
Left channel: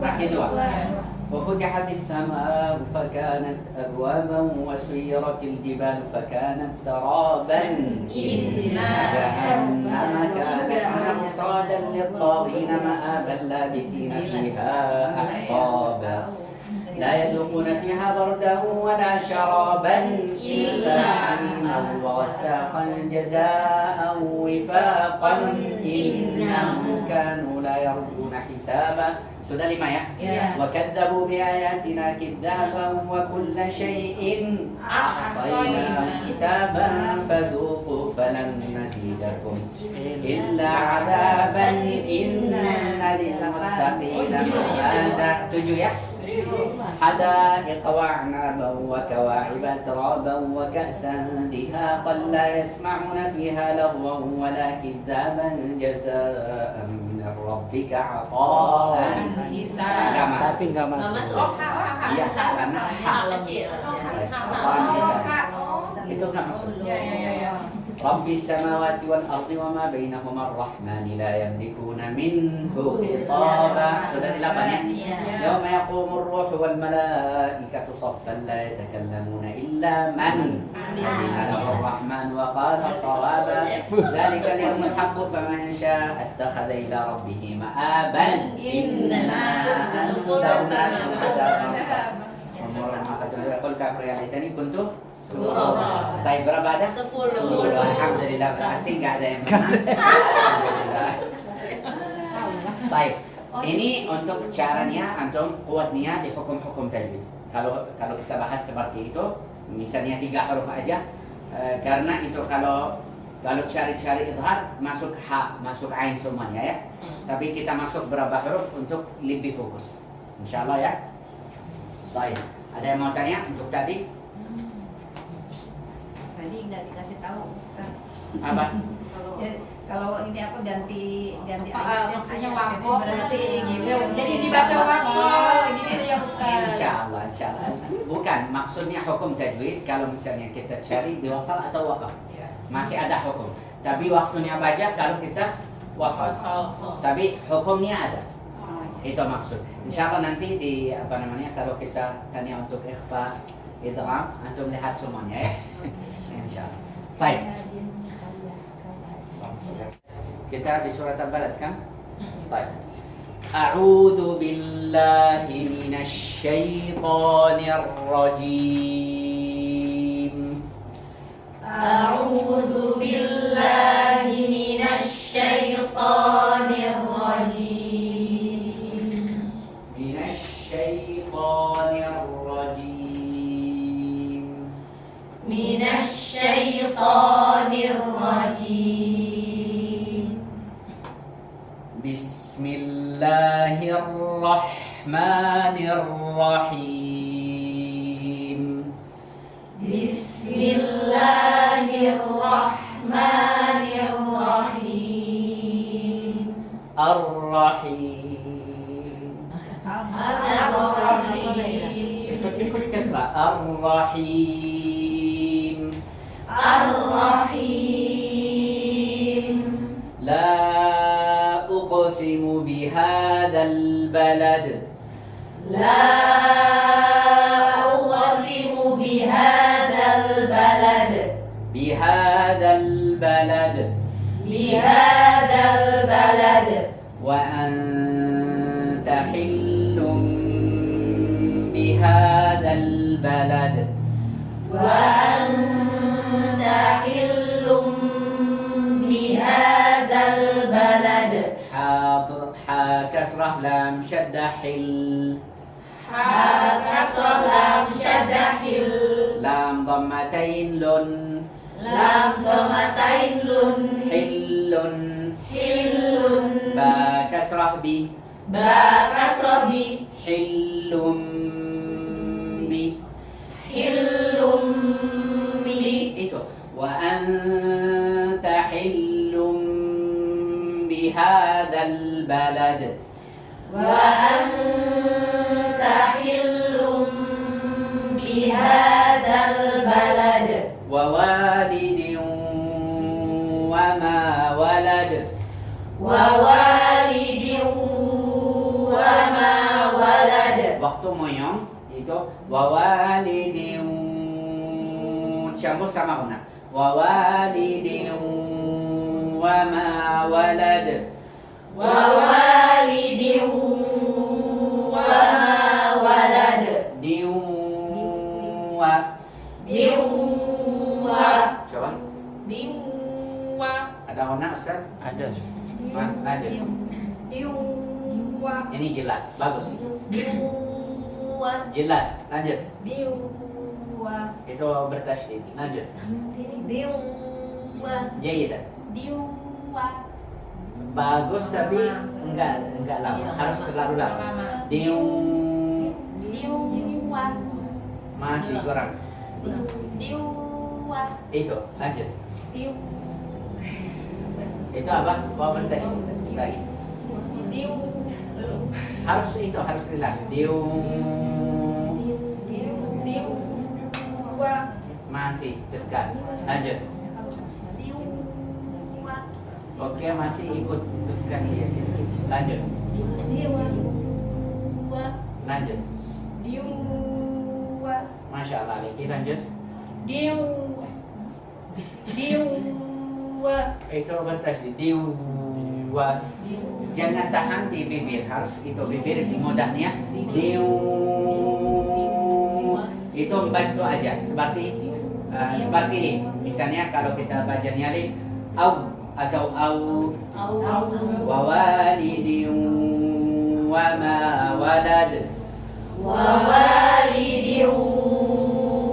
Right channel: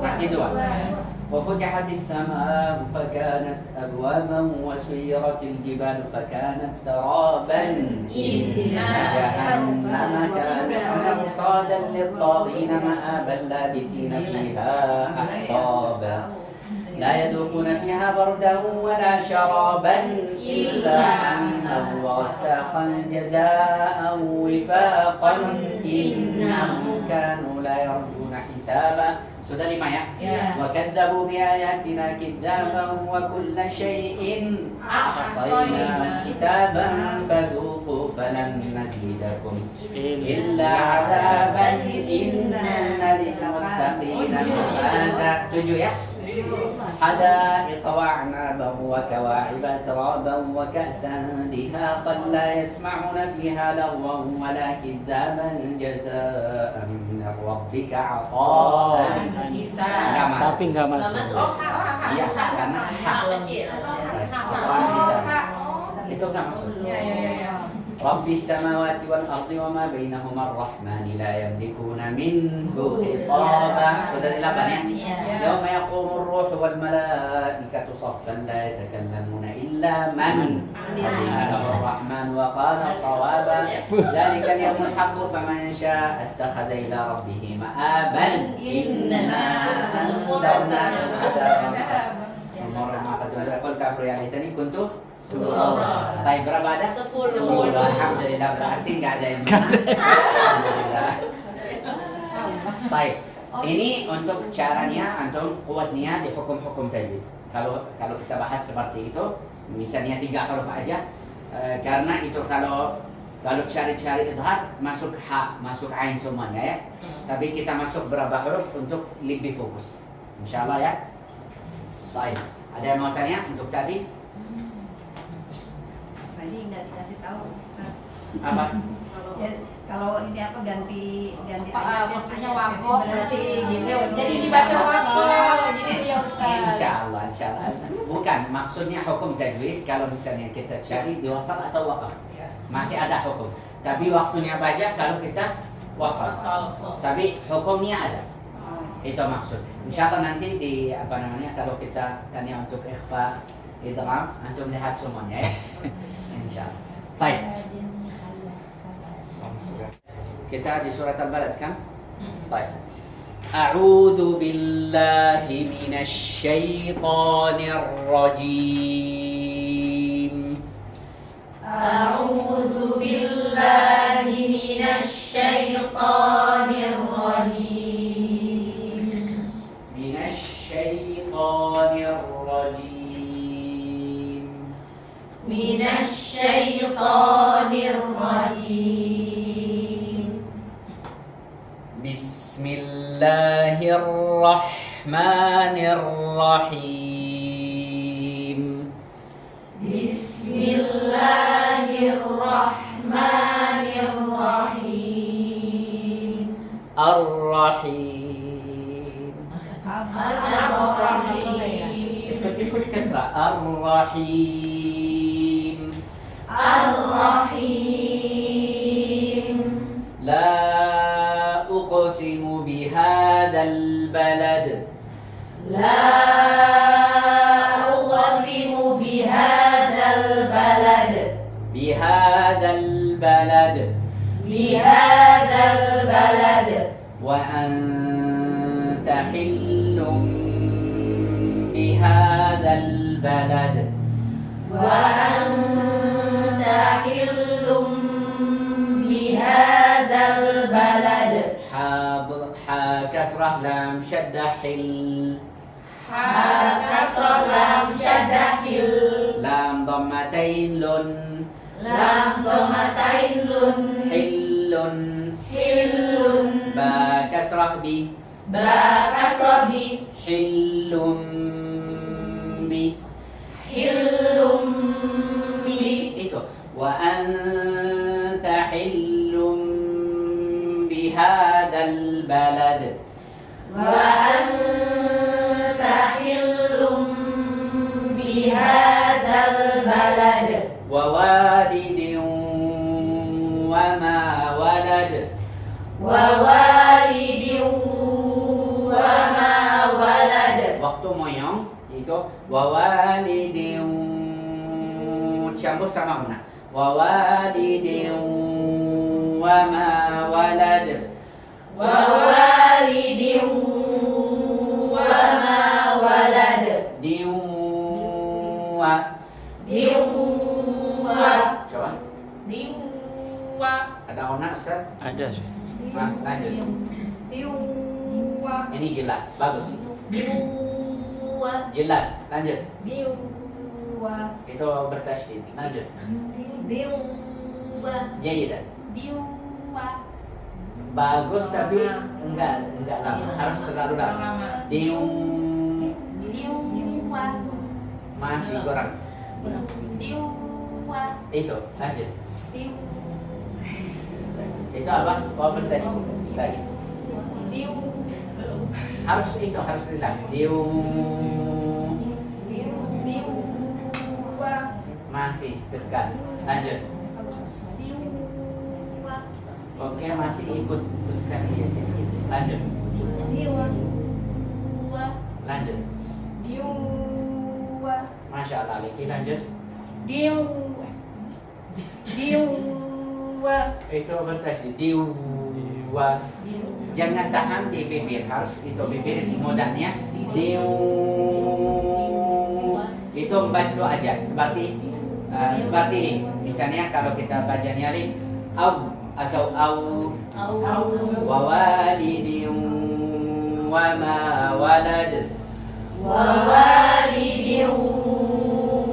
Masih 2. وفتحت السماء فكانت أبوابا وسيرت الجبال فكانت سرابا إن جهنم كانت مرصادا للطاغين مآبا لابثين فيها أحقابا لا يذوقون فيها بردا ولا شرابا إلا حميما وغساقا جزاء وفاقا إنهم كانوا لا يرجون حسابا. Sudah 5 ya? وَكَذَّبُوا بِآيَاتِنَا كِذَّابًا وَكُلَّ شَيْءٍ أَحْصَيْنَاهُ كِتَابًا فَذُوقُوا فَلَن نَّزِيدَكُمْ إِلَّا عَذَابًا إِنَّ لِلْمُتَّقِينَ مَفَازًا. 7 ya? حدائق وأعنابا وكواعب أترابا وكأسا دهاقا لا يسمعون فيها لغوا ولا كذابا جزاء من ربك عطاء حسابا. Tapi nggak masuk. Iya, karena hak itu nggak masuk. Rabbis samawati wal ardi wa ma bainahuma ar-rahmani la yamlikuna minhu khitaba. Sudah 8 ya? Yauma yaqumu ar-ruhu wal malaikatu saffan la yatakallamuna illa man adina ar-rahman wa qala sawaba. Dzalika al-yawmul haqqu faman syaa'a ittakhadha ila rabbih ma'aban. Inna anzalna al-'adaba. Nomor 4 qul kafir ya ini kuntu Baik, berapa ada? 10. Alhamdulillah, berarti nggak ada yang menang. Alhamdulillah. Baik, ini untuk caranya antum kuatnya di hukum-hukum tajwid. Kalau kita bahas seperti itu, misalnya 3 huruf aja, karena itu kalau cari-cari idhar masuk ha, masuk ain semuanya ya. Tapi kita masuk berapa huruf untuk lebih fokus. Insyaallah ya. Baik, ada yang mau tanya untuk tadi? Tadi nggak dikasih tahu. Apa? Kalau ini apa ganti maksudnya wakof berarti gitu. Jadi dibaca wasal gitu ya Ustaz. Insyaallah. Bukan, maksudnya hukum tajwid kalau misalnya kita cari di wasal atau waqaf. Masih ada hukum. Tapi waktunya baca kalau kita wasal. Tapi hukumnya ada. Itu maksud. Insyaallah nanti di kalau kita tanya untuk ikhfa, idgham, antum lihat semuanya ya. Insyaallah. Baik. Kita di surat Al-Balad kan? Baik. A'udzu billahi minasy syaithanir rajim. A'udzu billahi minasy syaithanir rajim. Minasy syaithanir rajim. Minasy syaithanir rajim. Bismillahirrahmanirrahim. Bismillahirrahmanirrahim. Ar-Rahim. Ar-Rahim. Ikut kasrah. Ar-Rahim. Ar-Rahim. La uqsimu bihadzal balad. La uqsimu bihadzal balad. Bihadzal balad. Bihadzal balad. وأنت حل بهذا البلد وأنت حل بهذا البلد حا كسرة لام شدة حل كسر لام شد حل لام ضمتين لن لام ضمتين لن حل حل با كسرة بي با كسر بي حل بي حل بي itu wa anta hillum bihadzal balad وأنت حل بهذا البلد wa walidin wa ma walad ووالد وما ولد waktu moyong itu wa walidin campur sama una wa walidin wa ma walad ووالد وما ولد din wa دوا coba Diwa. ada ona Ustaz? Ada. Nah, lanjut. Diwa. Ini jelas, bagus. دوا Jelas, lanjut. Diwa. Itu bertasydid. Lanjut. دوا Jayyidah. Diwa. Bagus tapi enggak lama. Harus terlalu lama. Diung Diwa. masih kurang. Diwa. Itu, lanjut. Diwa. Itu apa? Bawa bertasydid lagi. Harus itu harus jelas. Diung Diwa. masih dekat. Lanjut. Diwa. Oke, masih ikut dekat ya sedikit. Lanjut. Diwa. Lanjut. Diwa. Masya Allah, lagi lanjut. Diwa. Diwa. Itu bertasydid. Diwa. Jangan tahan di bibir, harus itu bibir mudahnya. Diu. Itu membantu aja seperti ini. Misalnya kalau kita baca nyalin au atau au wa walidin wa ma walad ووالد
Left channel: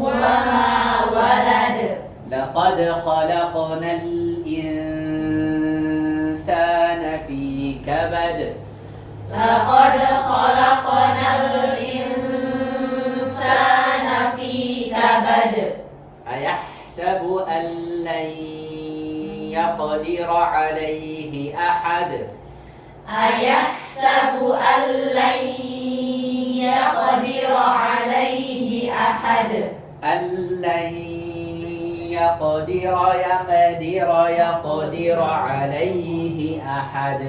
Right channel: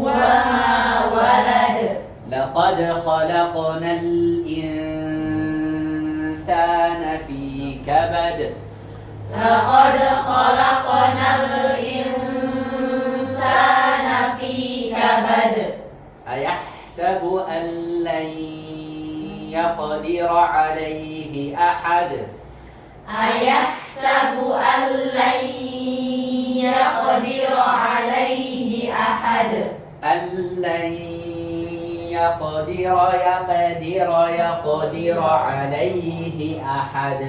وما ولد laqad khalaqnal insana fi kabad لقد خلقنا الإنسان في كبد أيحسب أن لن يقدر عليه أحد أيحسب أن لن يقدر عليه أحد أن لن يقدر عليه أحد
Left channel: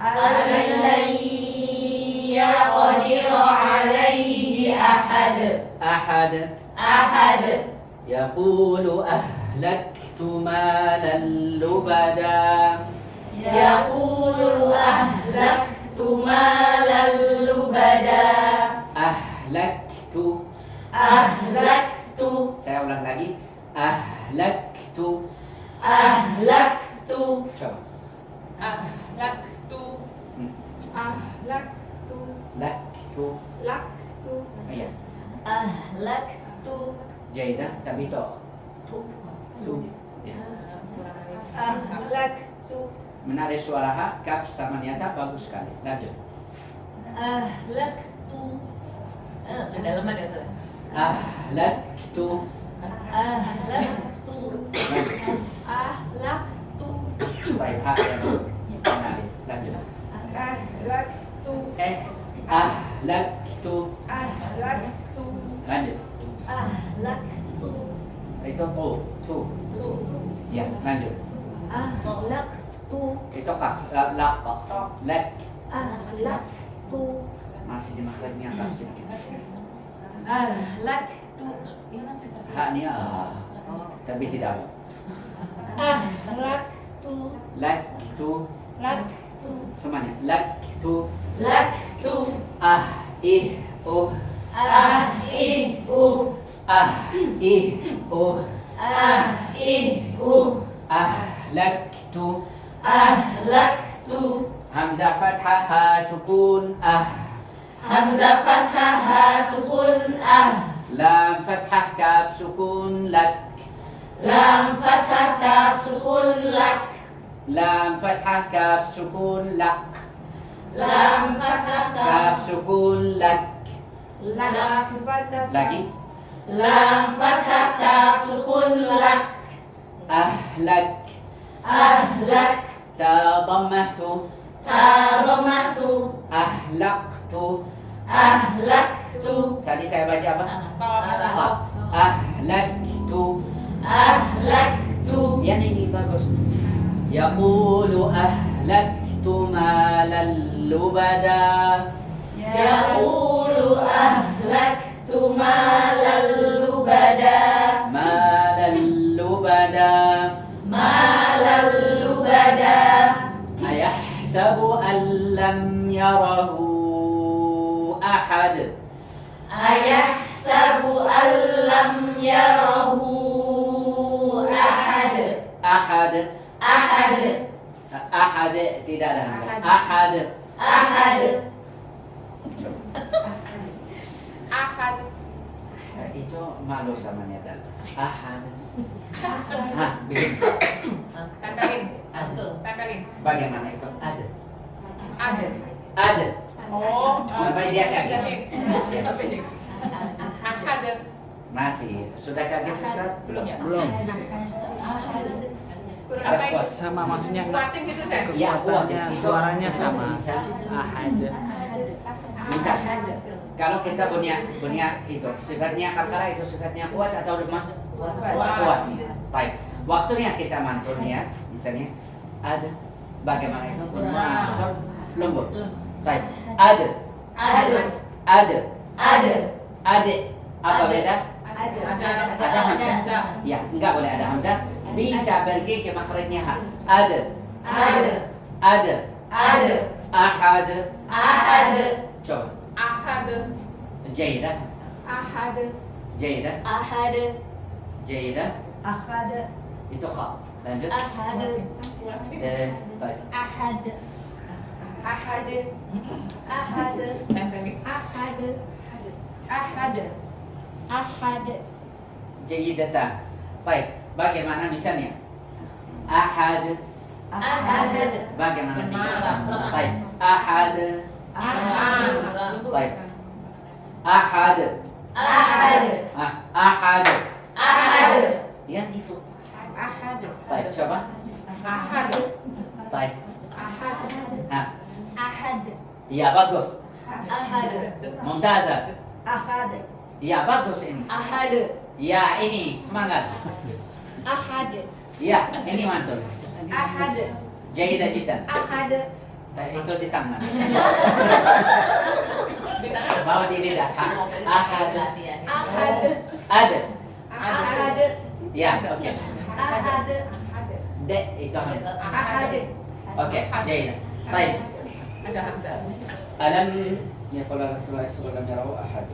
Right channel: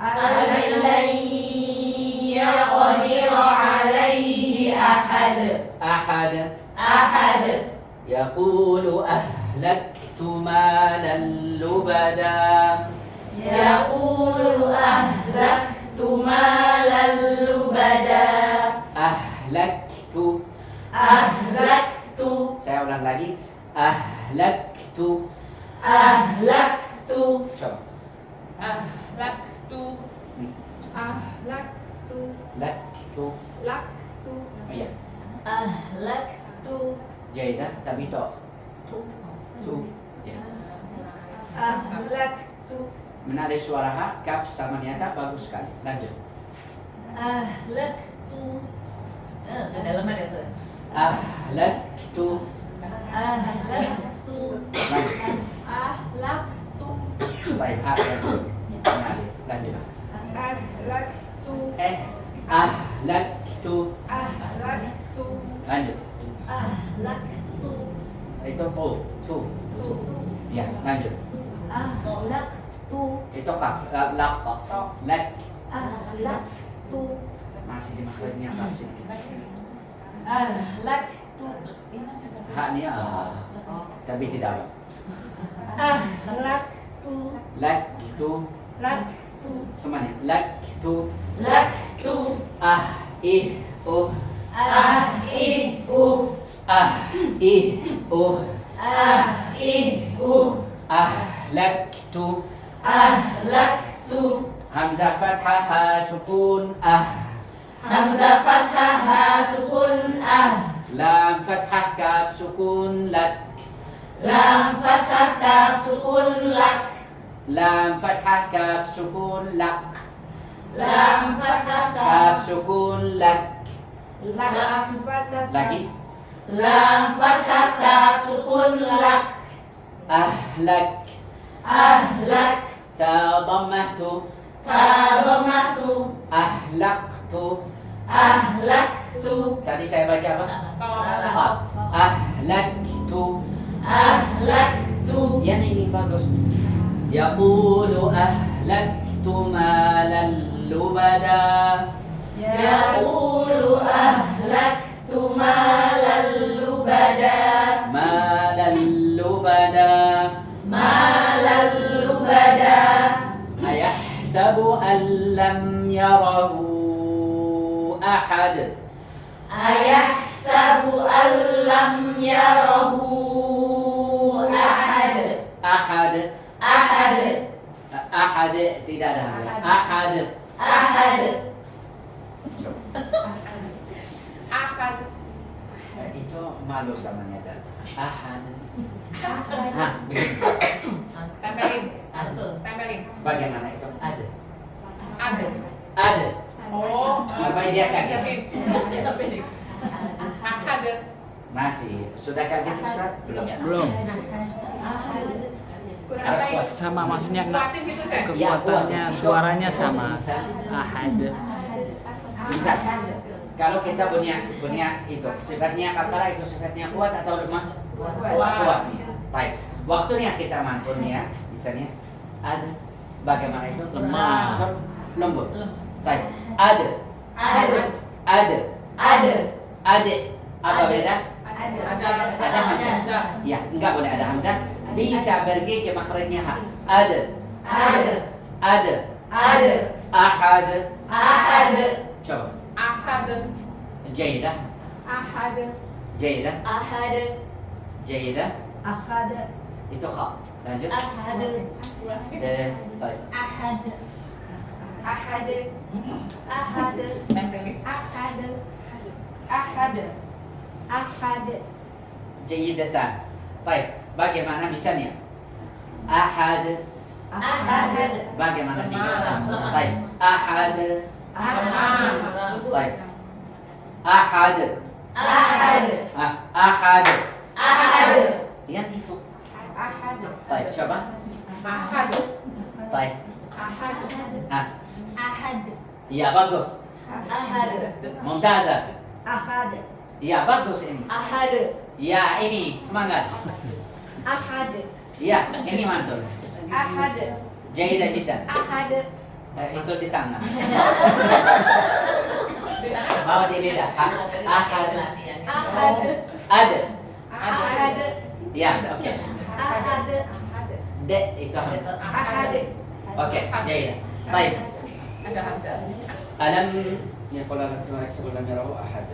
أن لن يقدر عليه أحد أحد يقول أهلكت مالا لبدا يقول أهلكت مالا لبدا أهلكت أهلكت saya ulang lagi أهلكت coba Ahlaktu. Ahlaktu. laktu Laktu. iya أهلكت jaidah tapi to ya. Ahlaktu. Menarik suara H, kaf sama niata bagus sekali. Lanjut. أهلكت kedalaman ya saudara Ahlaktu. أهلكت Lanjut. Ahlaktu. Baik, H ya. Menarik. Lanjut. Ahlaktu. Ahlaktu. Ahlaktu. Lanjut. أهلكت Itu tu. Ya, lanjut. أهلكت Itu kaf. Lak. Lak. أهلكت Masih di makhrajnya kaf sedikit. أهلكت H-nya tapi tidak apa. Ahlaktu. Laktu. Laktu. semuanya. Laktu. Laktu. U. Ahiu. U. Ahiu. Ahlaktu. Ahlaktu. Hamzah fathah ha sukun Hamzah fathah ha sukun Lam fathah kaf sukun lak. Lam fathah kaf sukun lak. Lam fathah kaf sukun lak. Lam fathah Kaf kaf sukun lak. Lagi. Lam fathah kaf sukun lak. Ahlak. Ahlak. Ta dhammahtu. Ta dhammahtu. Ahlaktu. Ahlaktu. Tadi saya baca apa? Qaf. Ahlaktu. Ahlaktu. Yang ini bagus. Yaqulu ahlaktu malan lubada. Yaqulu ahlaktu malan lubada. Malan lubada. Malan lubada. Ayahsabu an lam yarahu ahad. Ayahsabu an lam yarahu ahad. Ahad. Ahad. Ahad tidak ada hamzah. Ahad. Ahad. Itu malu sama niatan. Ahad. Hah, begini. Bagaimana itu? Ada. Ada. Sampai dia kaget. Masih. Sudah kaget Ustaz? Belum. Belum. Harus kuat. Sama maksudnya Ya, kuat. kekuatannya Itu suaranya sama. Bisa. Ahad. Bisa. Kalau kita punya itu sifatnya kata itu sifatnya kuat atau lemah? Kuat. Baik. Waktunya kita mantun ya, misalnya ada. Bagaimana itu? Lemah. Atau lembut. Baik. Ada. Ada. Ada. Ada. Ada. Apa beda? Ada hamzah. Ya, enggak boleh ada hamzah. Bisa pergi ke makhrajnya ha. Ada. Ada. Ada. Ada. Ahad. Ahad. Coba. Jaidah. Jaidah. Ahad. Jaidah. Ahad. Itu kha. Lanjut. Ahad. Baik. Ahad. Ahad. Ahad. Ahad. Ahad. Jaidatan. Baik. Bagaimana misalnya? Ahad. Ahad. Bagaimana tingkatan? Lemah. Baik. Ahad. Baik. Ahad. Ahad. Ahad. Ahad. Ya itu. Baik, coba. Baik. Ahad. Ya bagus. Ahad. Mumtazah. Ahad. Ya bagus ini. Ahad. Ya ini semangat. Ahad. Ya ini mantul. Ahad. Jaidah jiddan. Ahad. Itu di tangan. Bawa di beda. Ahad. Ahad. Ada. Ahad. Ya, oke. Ahad. De itu hamzah. Ahad. Oke, jaidah. Baik. Alam yaqulu lam yarahu ahad.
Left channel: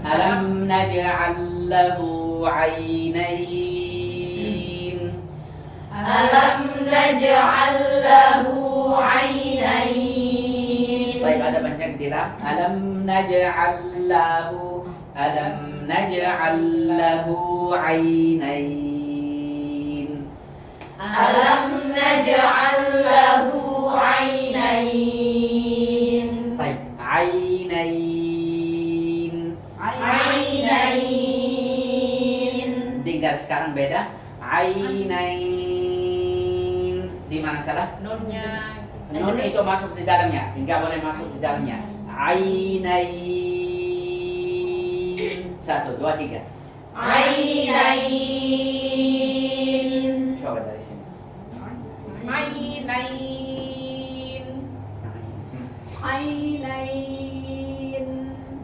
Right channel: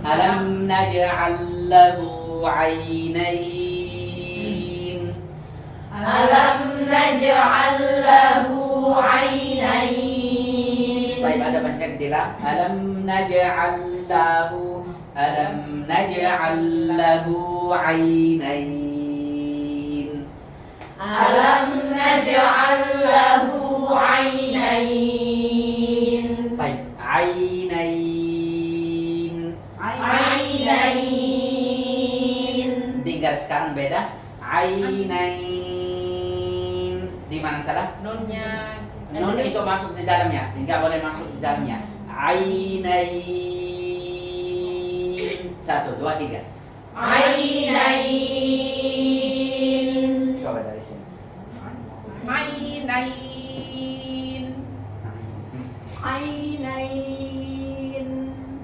Alam naj'al lahu 'ainain. Alam naj'al lahu 'ainain. Baik, ada banyak dilam. Alam naj'al lahu 'ainain. Alam naj'al lahu 'ainain. Baik, 'ainain. 'Ainain. Dengar sekarang beda. 'Ainain. Di mana salah? Nun itu masuk di dalamnya, enggak boleh masuk di dalamnya. Ainain. 1, 2, 3. Ainain. Coba dari sini.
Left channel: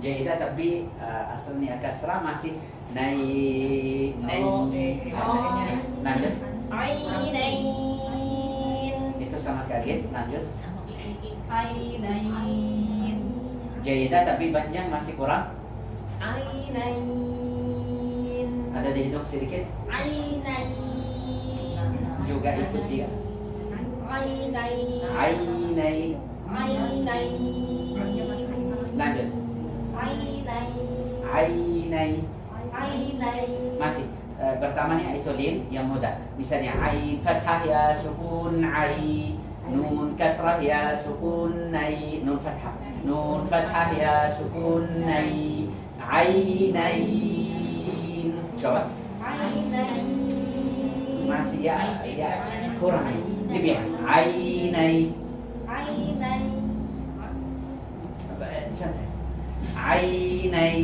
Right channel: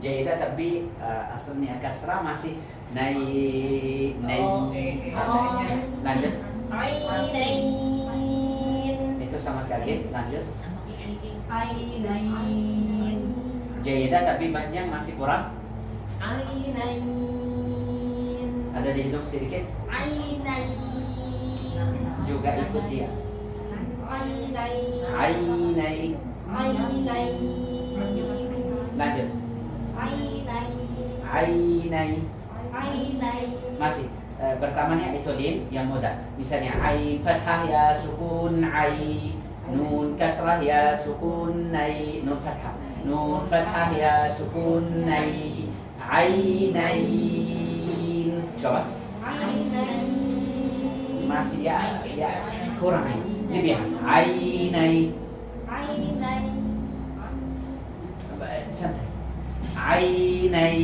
Jaidah tapi asalnya kasrah masih lanjut. Ainain. Itu sama kaget. Lanjut. Ainain. Jaidah tapi banyak masih kurang. Ainain. Ada di hidung sedikit. Ainain. Juga ikuti. Ainain. Ainai. Ainain. Lanjut. Ainain. Ainai. Ainain. Masih pertamanya itu lin yang mudah. Misalnya ain fathah ya sukun ai, nun kasrah ya sukun nai, nun fathah. Nun fathah ya sukun nai, ainain. Coba. Ainain. Masih ya kurang nih. Lebih ainai. Ainain. Santai. Ainai.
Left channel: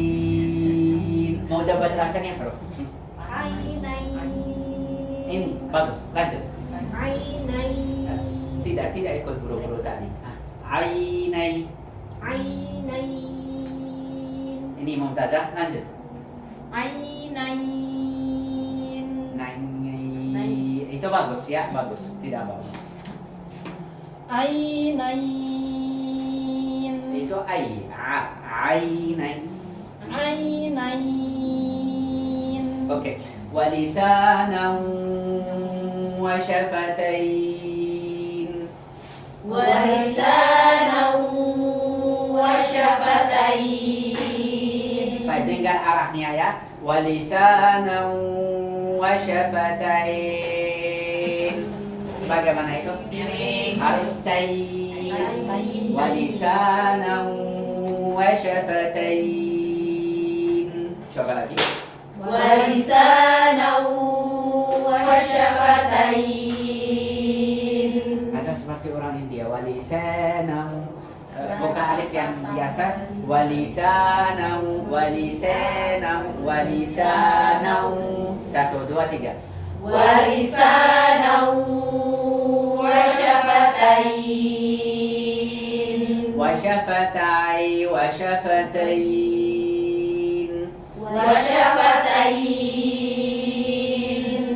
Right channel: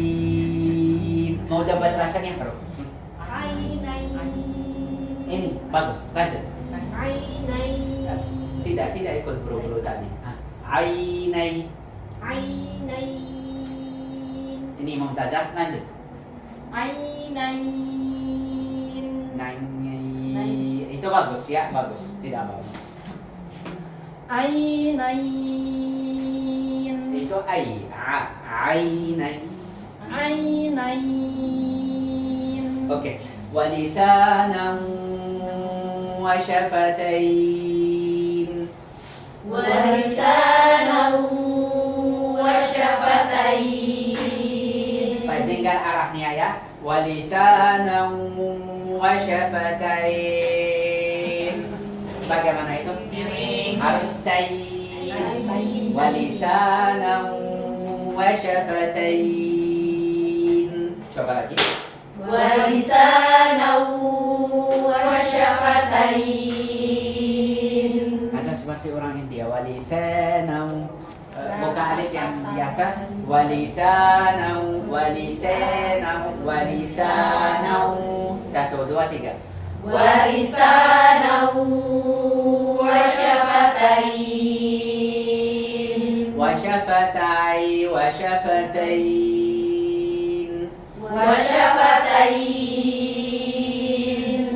Mau dapat rasanya bro? Ainain. Ini bagus. Lanjut. Ainain. Tidak ikut buru-buru tadi. Ainai. Ainain. Ini Mumtazah. Lanjut. Ainain. Nai. Itu bagus ya, bagus. Tidak bagus. Ainain. Itu ai. Ainai. Ainain. Oke. Walisanan wa syafatain. Walisanan wa syafatain. Baik, dengar arahnya ya. Walisanan wa syafatain. Bagaimana itu? Harus tain. Walisanan wa syafatain. Coba lagi. Walisanan wa syafatain. Ada seperti orang India. Walisanan. Buka alif yang biasa. Walisanan. Walisanan. Walisanan. 1, 2, 3. Walisanan wa syafatain. Wasyafatai. Wasyafatain. Wa syafatain.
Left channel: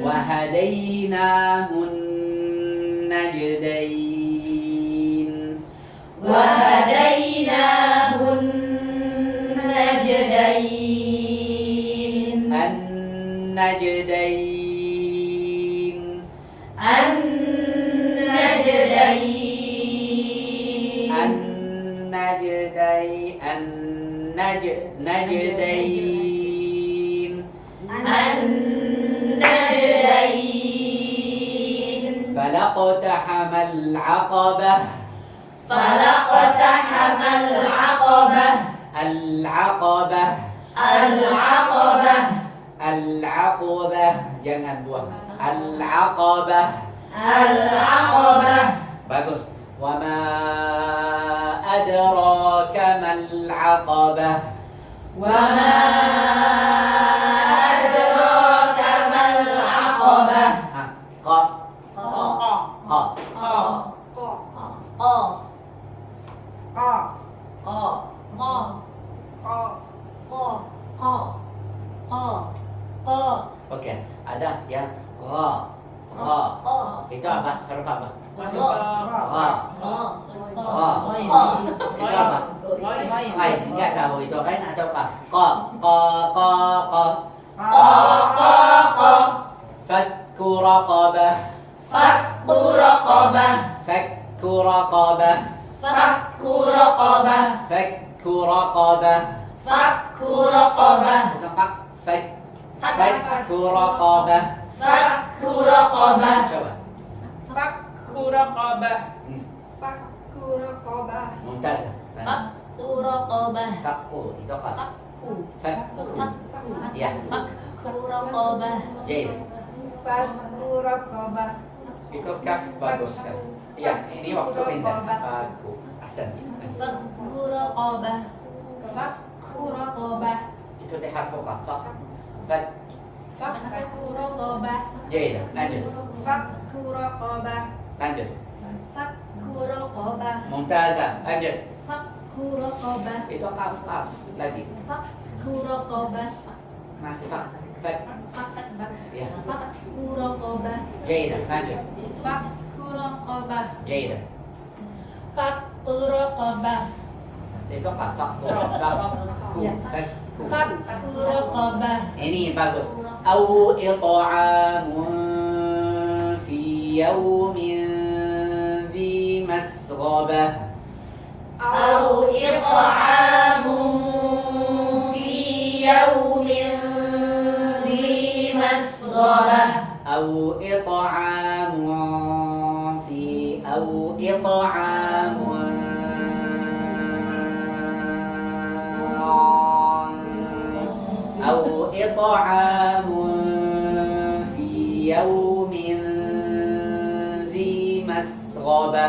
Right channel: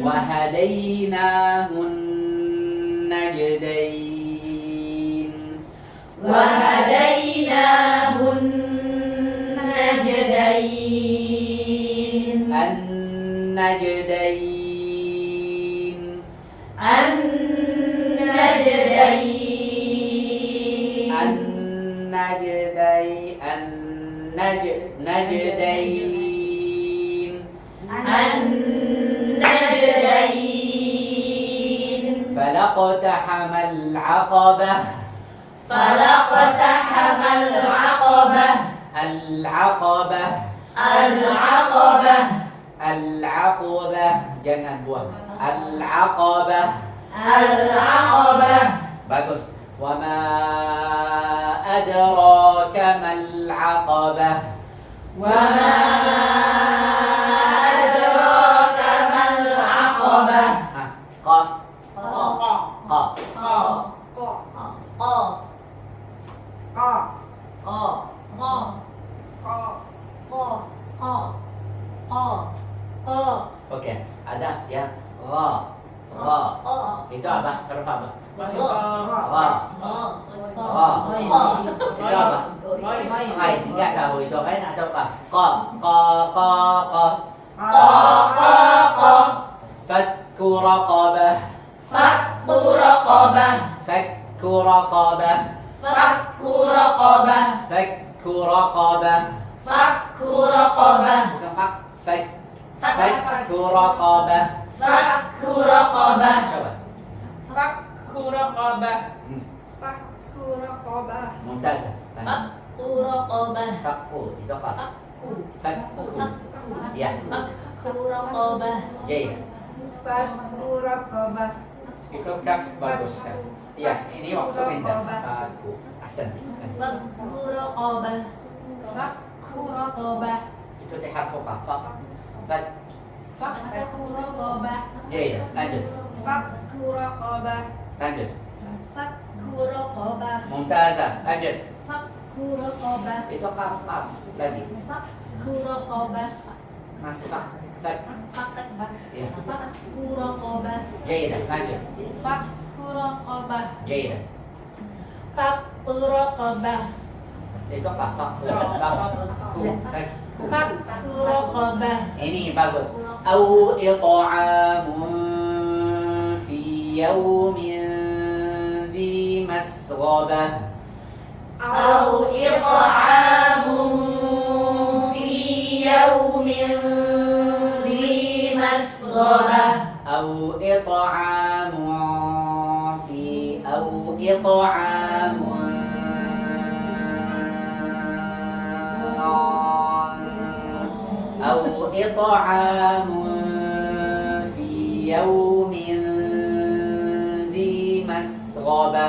Wahadainahun najdain. Wahadainahun najdain. An-najdain. An-najdain. An-najdain. An-najdain. An-najdain. Falaqtahamal aqabah. Falaqtahamal aqabah. Al-aqabah. Al-aqabah. Al-aqabah. Jangan buang. Al-aqabah. Al-aqabah. Bagus. Wa ma adraka mal aqabah. Wa ma adraka mal aqabah. Qa. Qa. Qa. Qa. Ko. Qa. Ko. Qa. Qa. Ko. Qa. Qa. Qa. Ko. Oke, ada ya. Ra. Ra. Qa. Itu apa? Huruf apa? Masuk ke Ra. Qa. Itu apa? Lain. Enggak tahu itu lain atau apa? Qa. Qa. Qa. Qa. Qa. Qa. Qa. Fakku raqabah. Fakku raqabah. Fakku raqabah. Fakku raqabah. Fakku raqabah. Fakku raqabah. Bukan fak. Fak. Fakku raqabah. Fakku raqabah. Coba. Fakku raqabah. Hmm. Fakku raqabah. Mumtaz. Fakku raqabah. Fakku itu apa? Fakku. Fakku. Fakku. Ya. Fakku raqabah. J. Fakku raqabah. Itu kaf bagus kan? Ya, ini waktu pindah. Fakku. Ahsan. Fakku raqabah. Fakku raqabah. Itu di harfu kaf. Fak. Fak. Fakku raqabah. J. Lanjut. Fakku raqabah. Lanjut. Fakku raqabah. Mumtazah. Lanjut. Fakku raqabah. Itu kaf kaf lagi. Fakku raqabah. Masih fak. Fak. Fakku Ya. Fakku raqabah. J. Lanjut. Fakku raqabah. Jaidah. Fakku raqabah. Itu apa? Fakku. Fakku raqabah. Ini bagus. Au it'amun fi yaumin dhi masghabah. Au it'amun fi yaumin dhi masghabah. Au it'amun fi au it'amun أو إطعام في يوم ذي مسغبة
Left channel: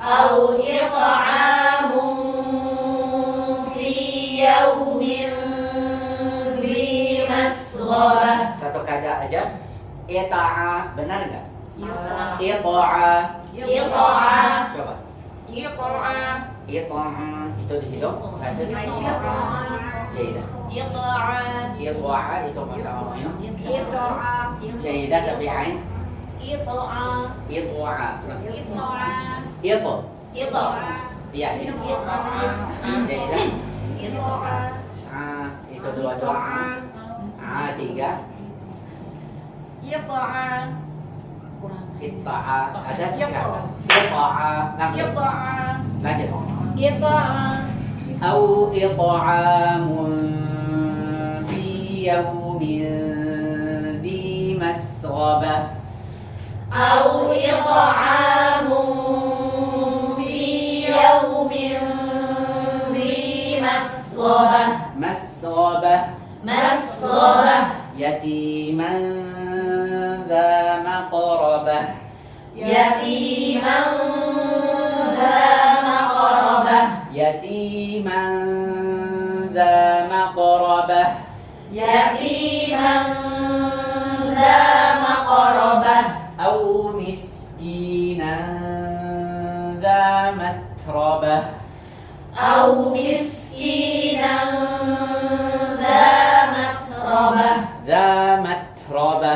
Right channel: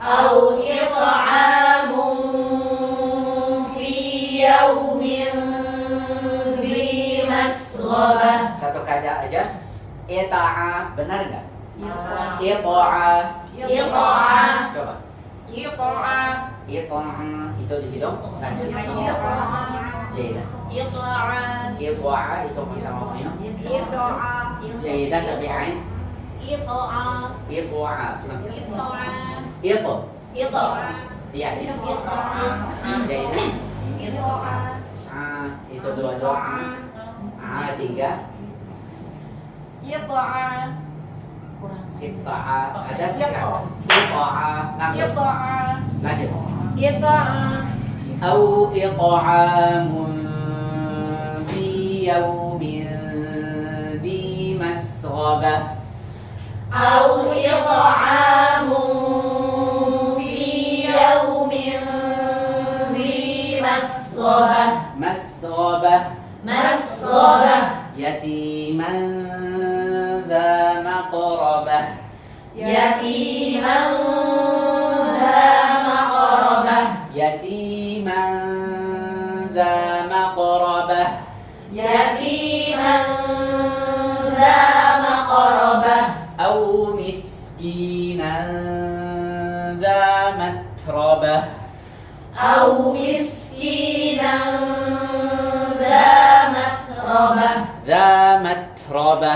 أو إطعام في يوم ذي مسغبة. Satu kada aja. Ita'a, benar nggak? Ita'a. Ita'a. Coba. Iqa'a. Ita'a itu di hidung. Lanjut. Jaidah. Ita'a. Ita'a itu bahasa ngomongnya. Iqa'a. Jaidah tapi ain. Ita'a. Ita'a. Ita'a. Itu. Ita'a. Iya, itu. Ita'a. Jaidah. Ita'a. Itu dua-dua. Tiga. Ita'a. Ita'a ada tiga. Ita'a langsung. Ita'a. Lanjut. Ita'a. أو إطعام في يوم ذي مسغبة أو إطعام في يوم ذي مسغبة. مسغبة مسغبة. يتيما ذا مقربة يتيما ذا مقربة. يتيما ذا مقربة يتيما ذا مقربة. أو مسكينا ذا متربة أو مسكينا ذا متربة. ذا متربة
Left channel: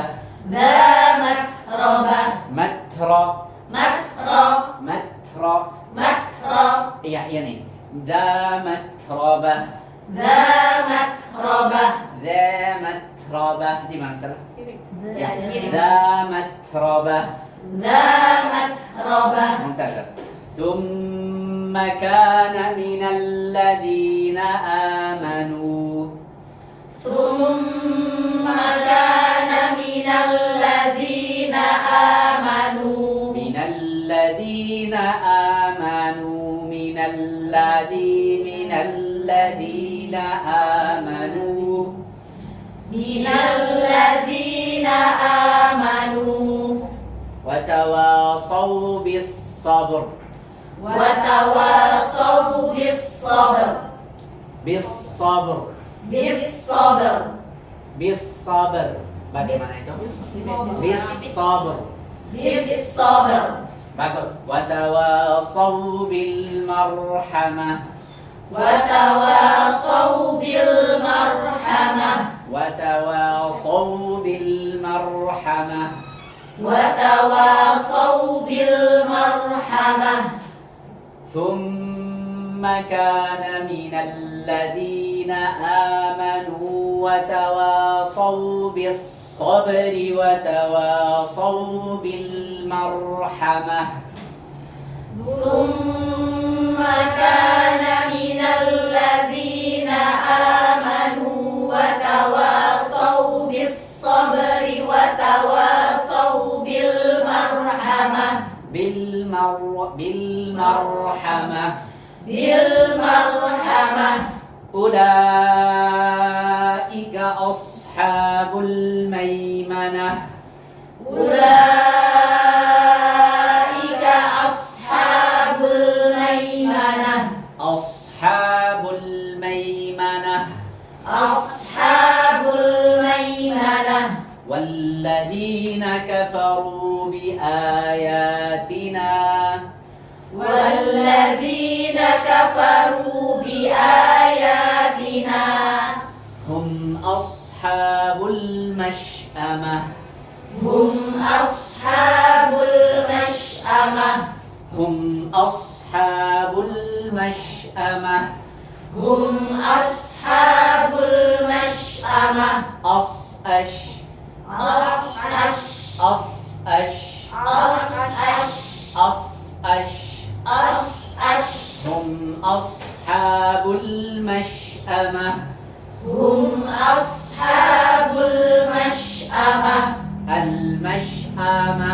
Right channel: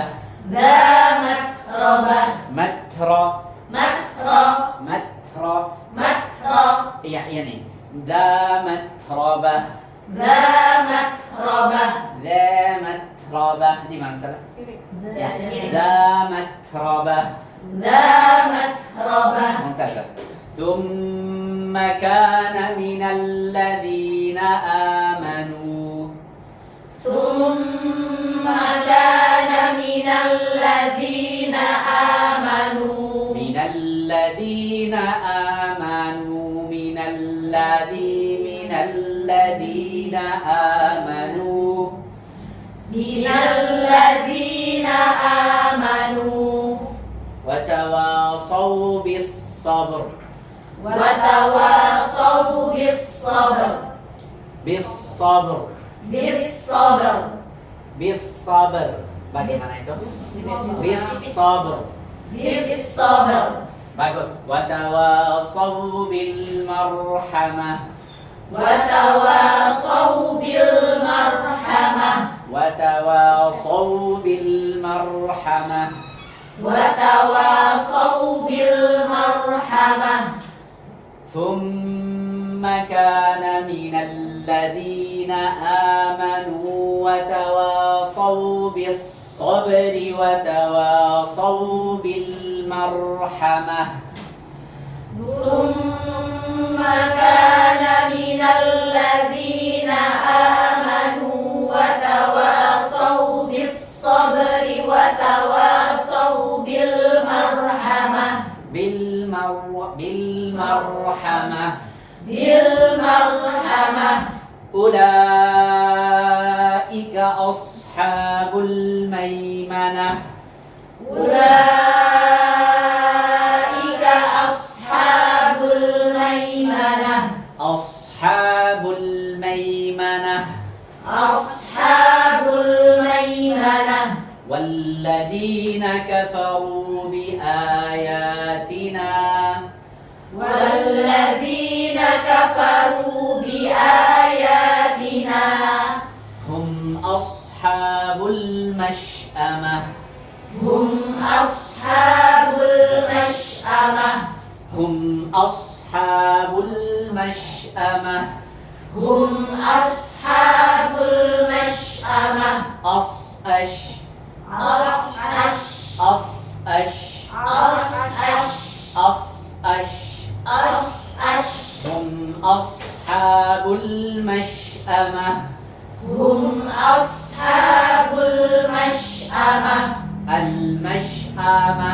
ذا متربة. متر متر. متر متر. iya nih ذا متربة ذا متربة. ذا متربة دي mana salah ذا متربة ذا متربة. ممتازة ثم كان من الذين آمنوا ثم كان من الذين آمنوا. من الذين آمنوا من الذين آمنوا من الذين آمنوا وتواصوا بالصبر وتواصوا بالصبر. بالصبر بالصبر. بالصبر bagaimana itu بالصبر بالصبر. bagus وتواصوا بالمرحمة وتواصوا بالمرحمة. وتواصوا بالمرحمة وتواصوا بالمرحمة. ثم كان من الذين آمنوا وتواصوا بالصبر وتواصوا بالمرحمة ثم كان من الذين آمنوا وتواصوا بالصبر وتواصوا بالمرحمة. بالمرحمة بالمرحمة. أولئك أصحاب الميمنة أولئك أصحاب الميمنة. أصحاب الميمنة أصحاب الميمنة. والذين كفروا بآياتنا والذين كفروا بآياتنا هم أصحاب المشأمة هم أصحاب المشأمة. المشأمة هم أصحاب المشأمة هم أصحاب المشأمة أص أش أص أش أص أش أص أش أص أش أص أش هم أصحاب المشأمة هم أصحاب المشأمة المشأمة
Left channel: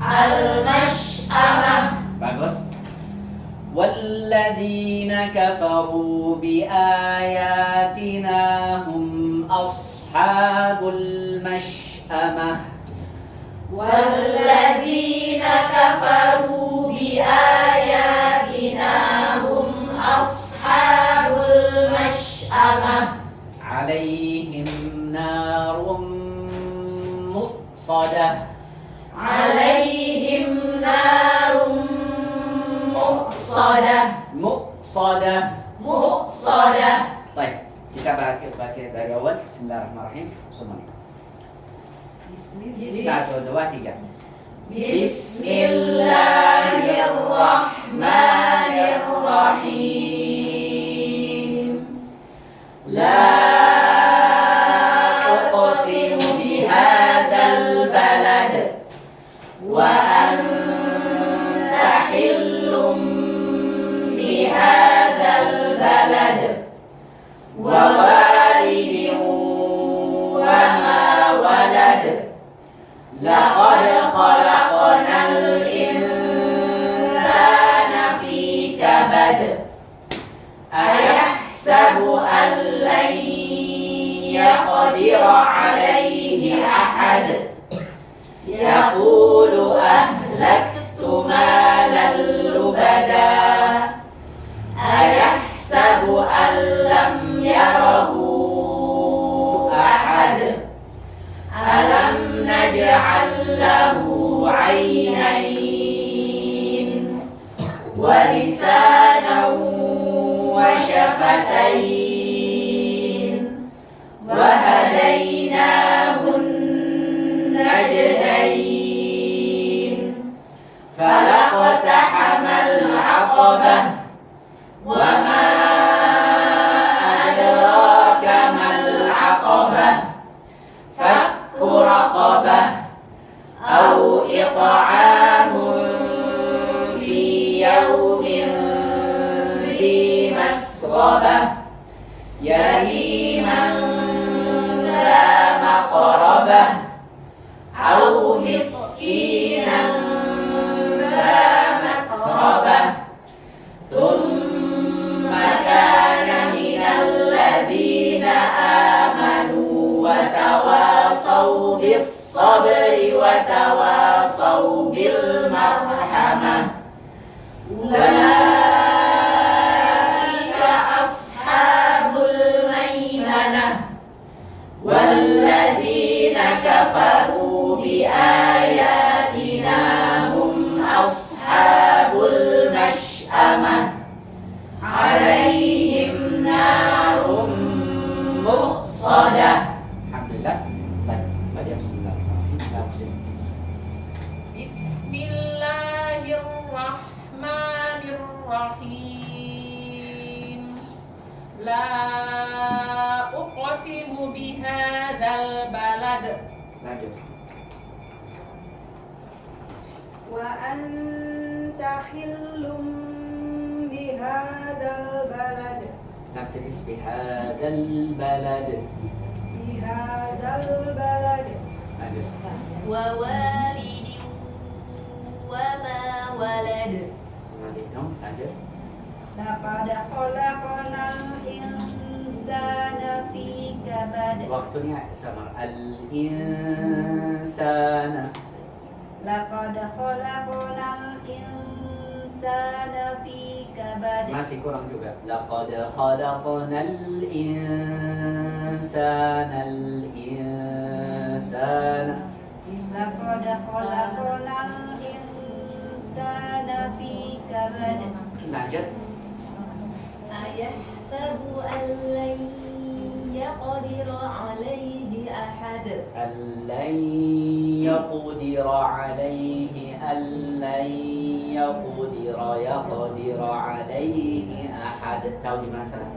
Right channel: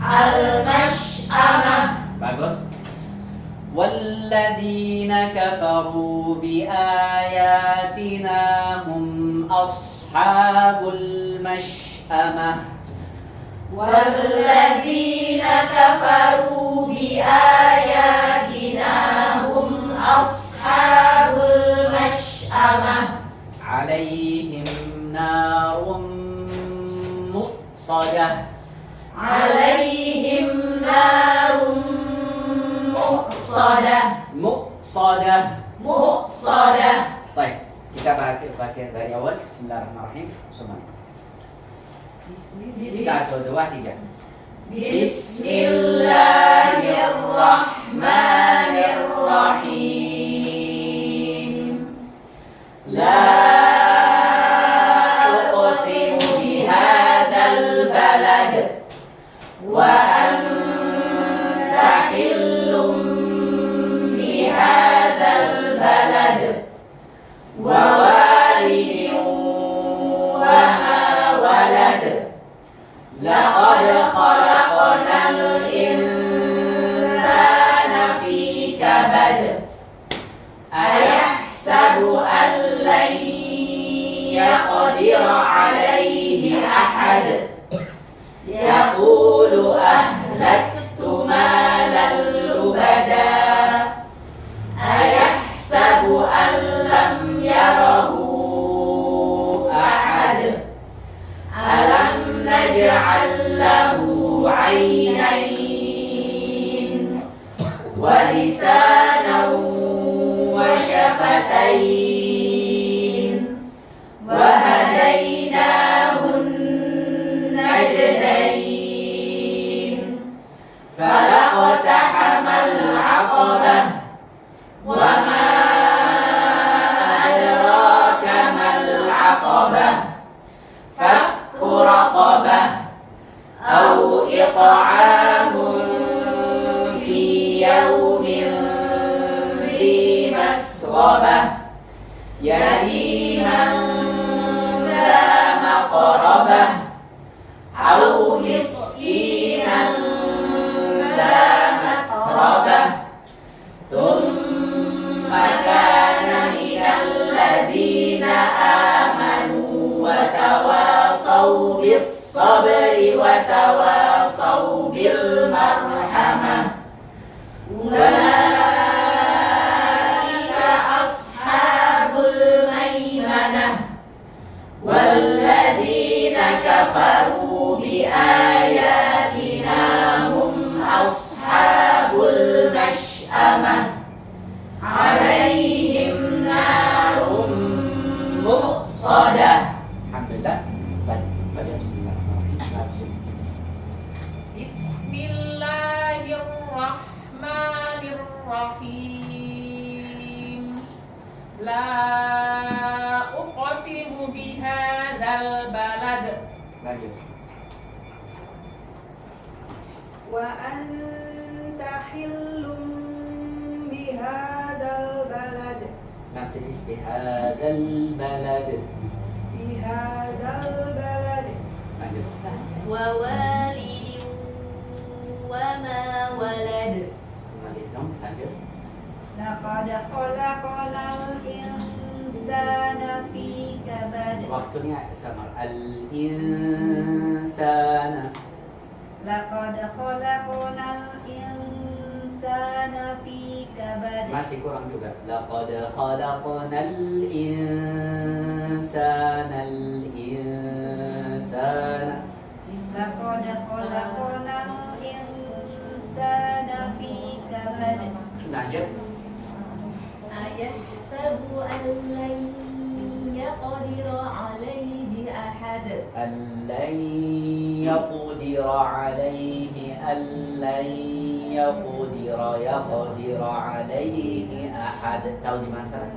المشأمة bagus. والذين كفروا بآياتنا هم أصحاب المشأمة والذين كفروا بآياتنا هم أصحاب المشأمة عليهم نار مؤصدة عليهم نار مؤصدة مؤصدة مؤصدة. Baik, kita baca dari awal. Bismillahirrahmanirrahim semuanya. 1, 2, 3. Bismillahirrahmanirrahim. La uqsimu bihadzal balad wa anta hillum bihadzal balad wa walidin wa ma walad. Laqad khalaqnal insana fi kabad. Ayahsabu an lan yaqdira alayhi ahad. Yaqulu ahlaktu malan lubada. Ayahsabu an lam yarahu ahad. Alam naj'al lahu 'aynayn wa lisanan wa shafatayn wa hadaynahun najdayn falaqtahamal 'aqabah wa ma adraka mal 'aqabah fakku raqabah aw it'amun fi yawmin dhi masghabah yahiman dha maqrabah aw miskinan dha matrabah thumma kana minal ladhina amanu wa tawasaw bis sabri wa tawasaw bil marhamah. Ulaika ashabul maimanah walladzina kafaru bi ayatina hum ashabul mash'amah alaihim narum muqsadah. Alhamdulillah. Baik, baca bismillahirrahmanirrahim. Bismillahirrahmanirrahim. La uqsimu bihadzal balad Lanjut. Wa anta hillum bihadzal balad Nafsis bihadzal balad. bihadzal balad Lanjut. Wa walidin wa ma walad. Lanjut. laqad khalaqnal insana fi kabad Waktunya sama al-insana. laqad khalaqnal insana fi kabad Masih kurang juga. Laqad khalaqnal insana al-insana. laqad khalaqnal insana fi kabad Lanjut. Ayahsabu an lan yaqdira alayhi ahad. Al-lain يقدر عليه أن لن يقدر عليه أحد. Tahu di mana salah?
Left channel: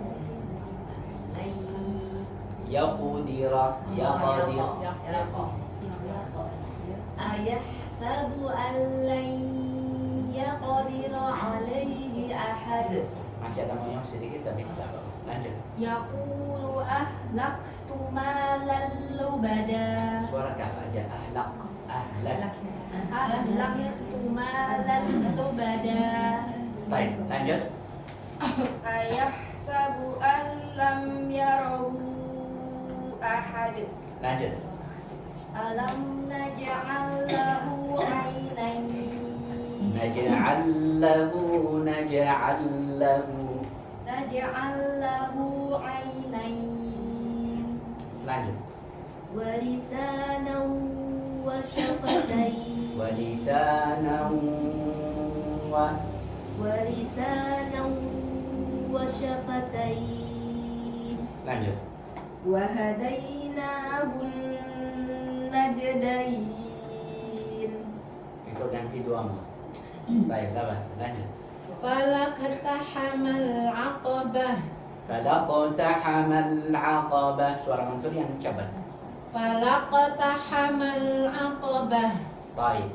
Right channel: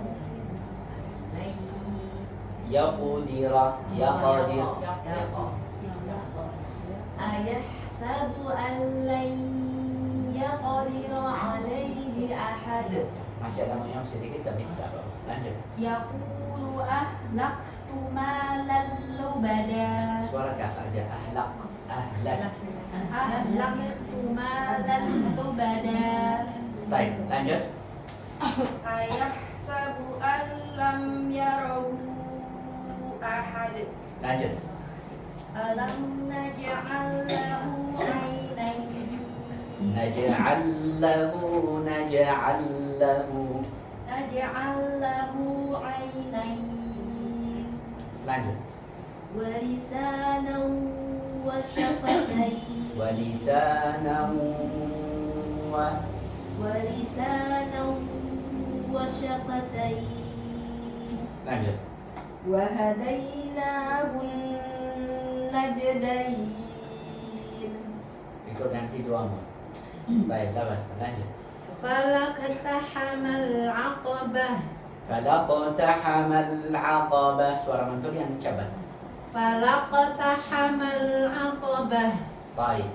يقدر أيحسب أن لن يقدر عليه أحد Masih ada moyang sedikit tapi tidak apa. Lanjut. يقول أهلكت مالا لبدا Suara kaf aja. Ahlak. أهلكت مالا لبدا. Baik, lanjut. Ayahsabu an lam yarahu ahad. Lanjut. ألم نجعل له عينين نجعل له نجعل له عينين Selanjut. ولسانا وشفتين ولسانا ولسانا وشفتين Lanjut. وهديناه النجدين Ikut nanti dua mu. Baik, labas. Lanjut. Falaqtahamal aqabah. Falaqtahamal aqabah. Suara muncul yang cepat. Falaqtahamal aqabah. Baik.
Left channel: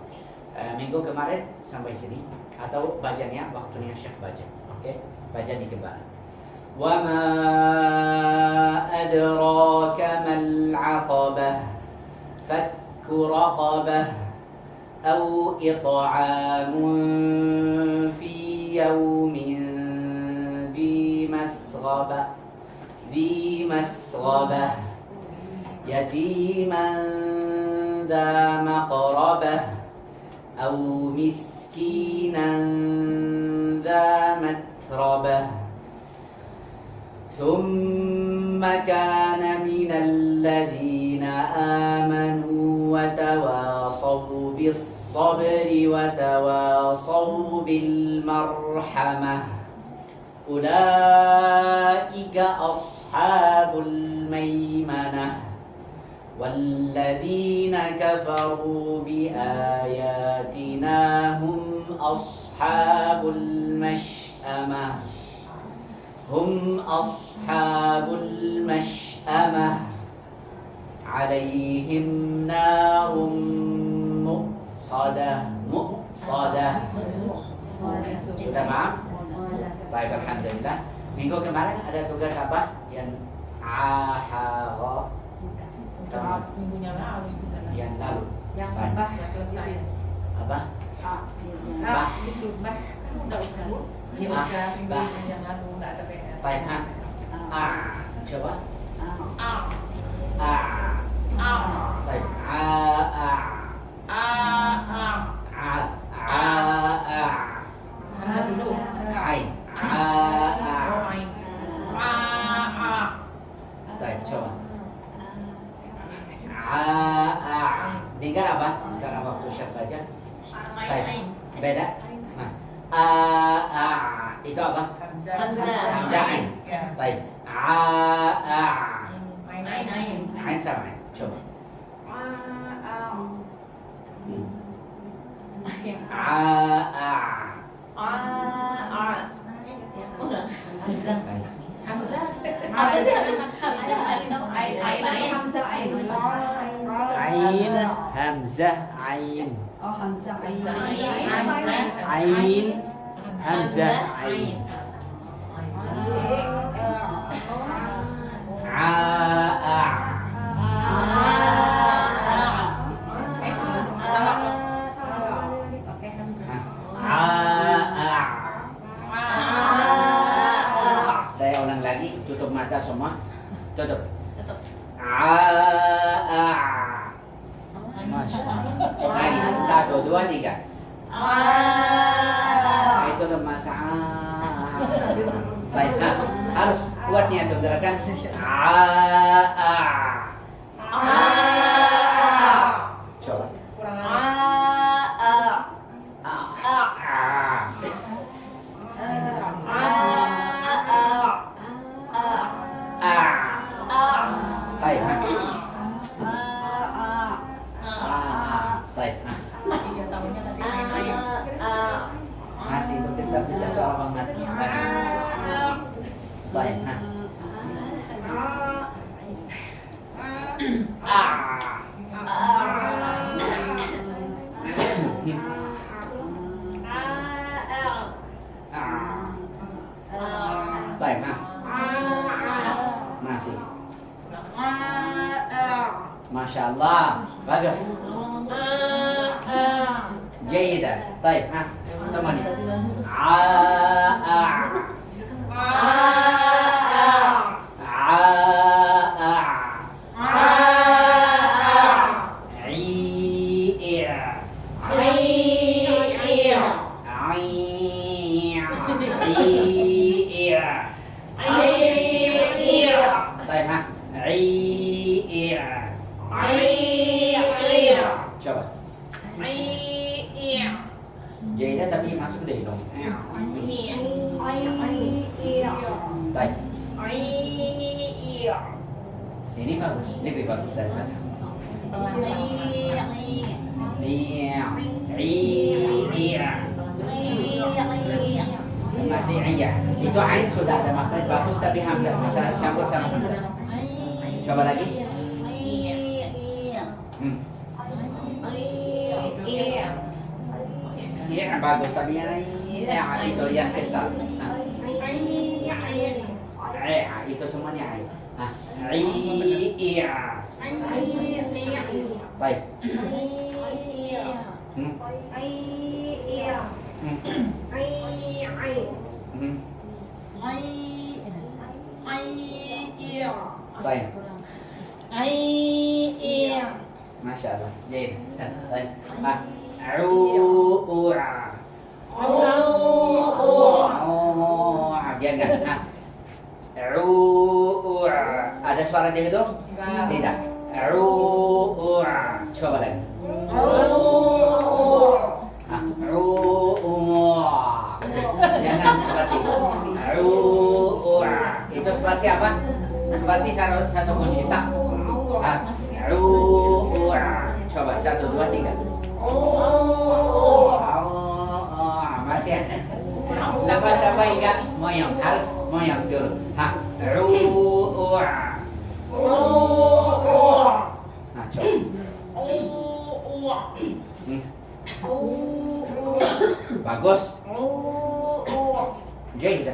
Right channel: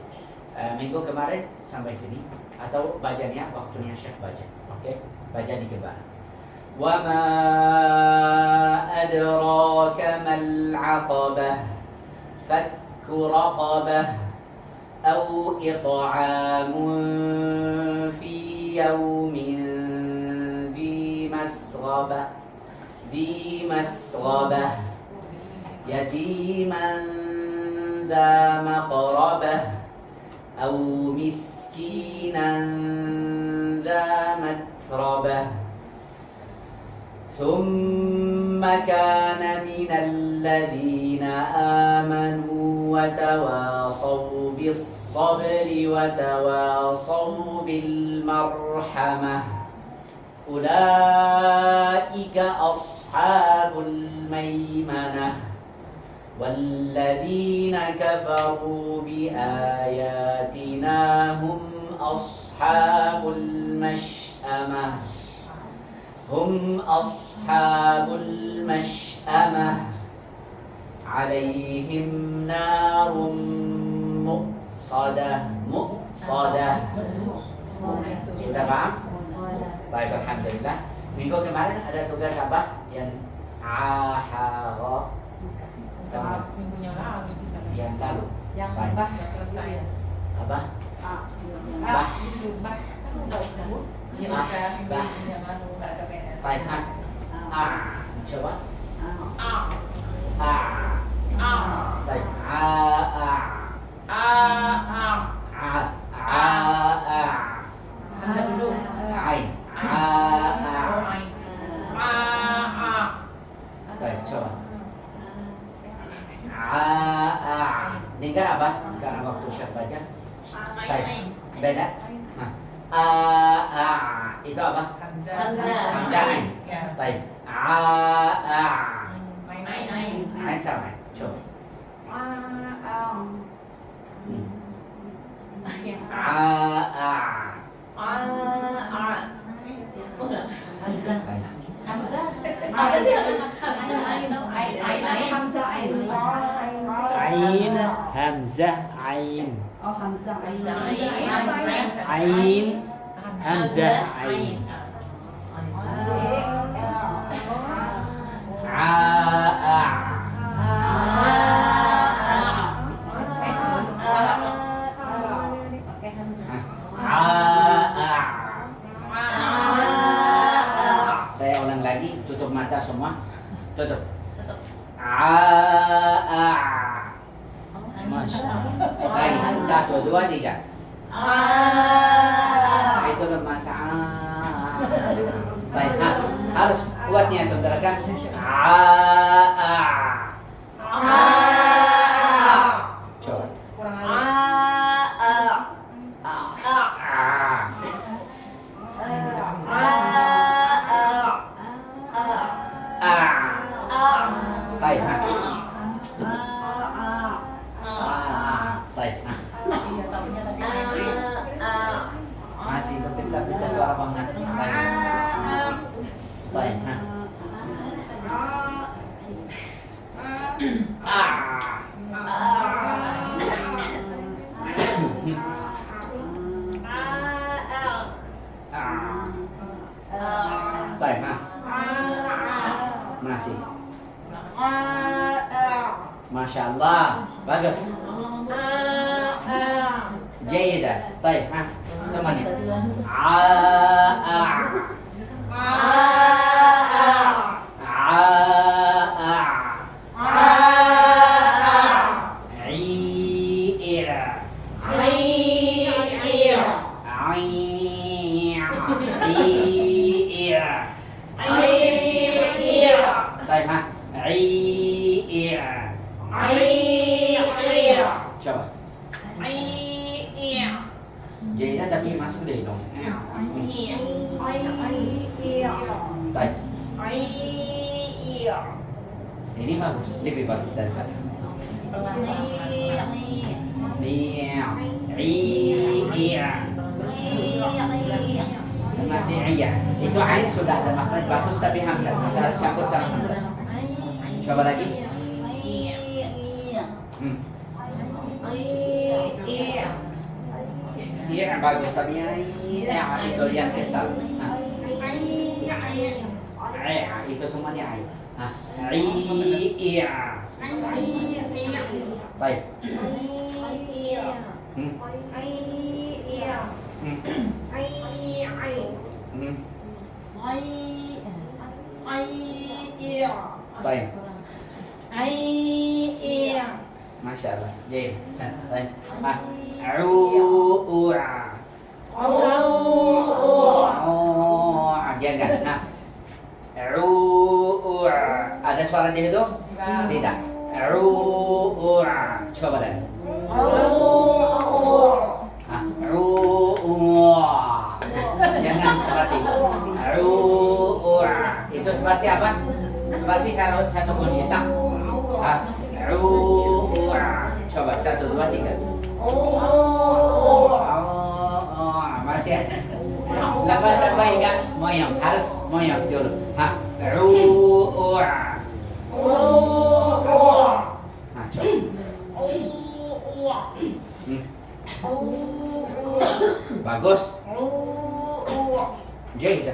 Minggu kemarin sampai sini atau bacanya waktunya Syekh baca. Oke, baca di kebal. Wa ma adraka mal aqabah. Fakku raqabah aw it'amun fi yawmin dhi masghabah yatiman dha maqrabah aw miskinan dha matrabah ثم كان من الذين آمنوا وتواصوا بالصبر وتواصوا بالمرحمة أولئك أصحاب الميمنة والذين كفروا بآياتنا هم أصحاب المشأمة هم أصحاب المشأمة عليهم نار مؤصدة Sudah paham? Baik, alhamdulillah. Minggu kemarin ada tugas apa? Yang ahara Minggunya lalu bisa. yang lalu. Yang Baik. bah nggak selesai. Apa? Bah itu bah kan nggak usah bu. Ya Bah, udah bah. minggu yang lalu nggak ada PR. Baik, coba. Ah Baik, Baca dulu. Ain. Oh, ain. Baik, coba. Dengar apa? Sekarang waktu Syekh baca. Baik, beda. Nah, itu apa? Hamzah ain. Ya. Baik. Ain. Ain sama. Coba. Ain, hamzah, ain. Oh, hamzah ain. Ain, hamzah, ain. Saya ulang lagi, tutup mata semua. Tutup. Lagi, 1, 2, 3. Itu lemas. Baik, harus kuatnya tuh gerakan. Coba. Baik, Allah. Bagus. Jayidan. Baik, semua nih. Coba. Jadinya tapi masuk dari dong. Baik. Ini bagus, lebih bagus daripada. Masih iya. Itu ain sudah ada makhraj bagus tapi hamzah masalah campur sama hamzah. Coba lagi. Iya bagus tapi yang itu yang kesal. Itu semuanya iya. Baik. Baik. Masya Allah. Jadi, jangan. Ada suara di hidung? Tidak. Coba lagi. Jangan seperti itu. Itu seperti apa? Seperti satu kunci tak. Coba 1, 2, 3. Masih lepas sampai enggak moyong, harus moyong dulu. Coba. Bagus. Jadi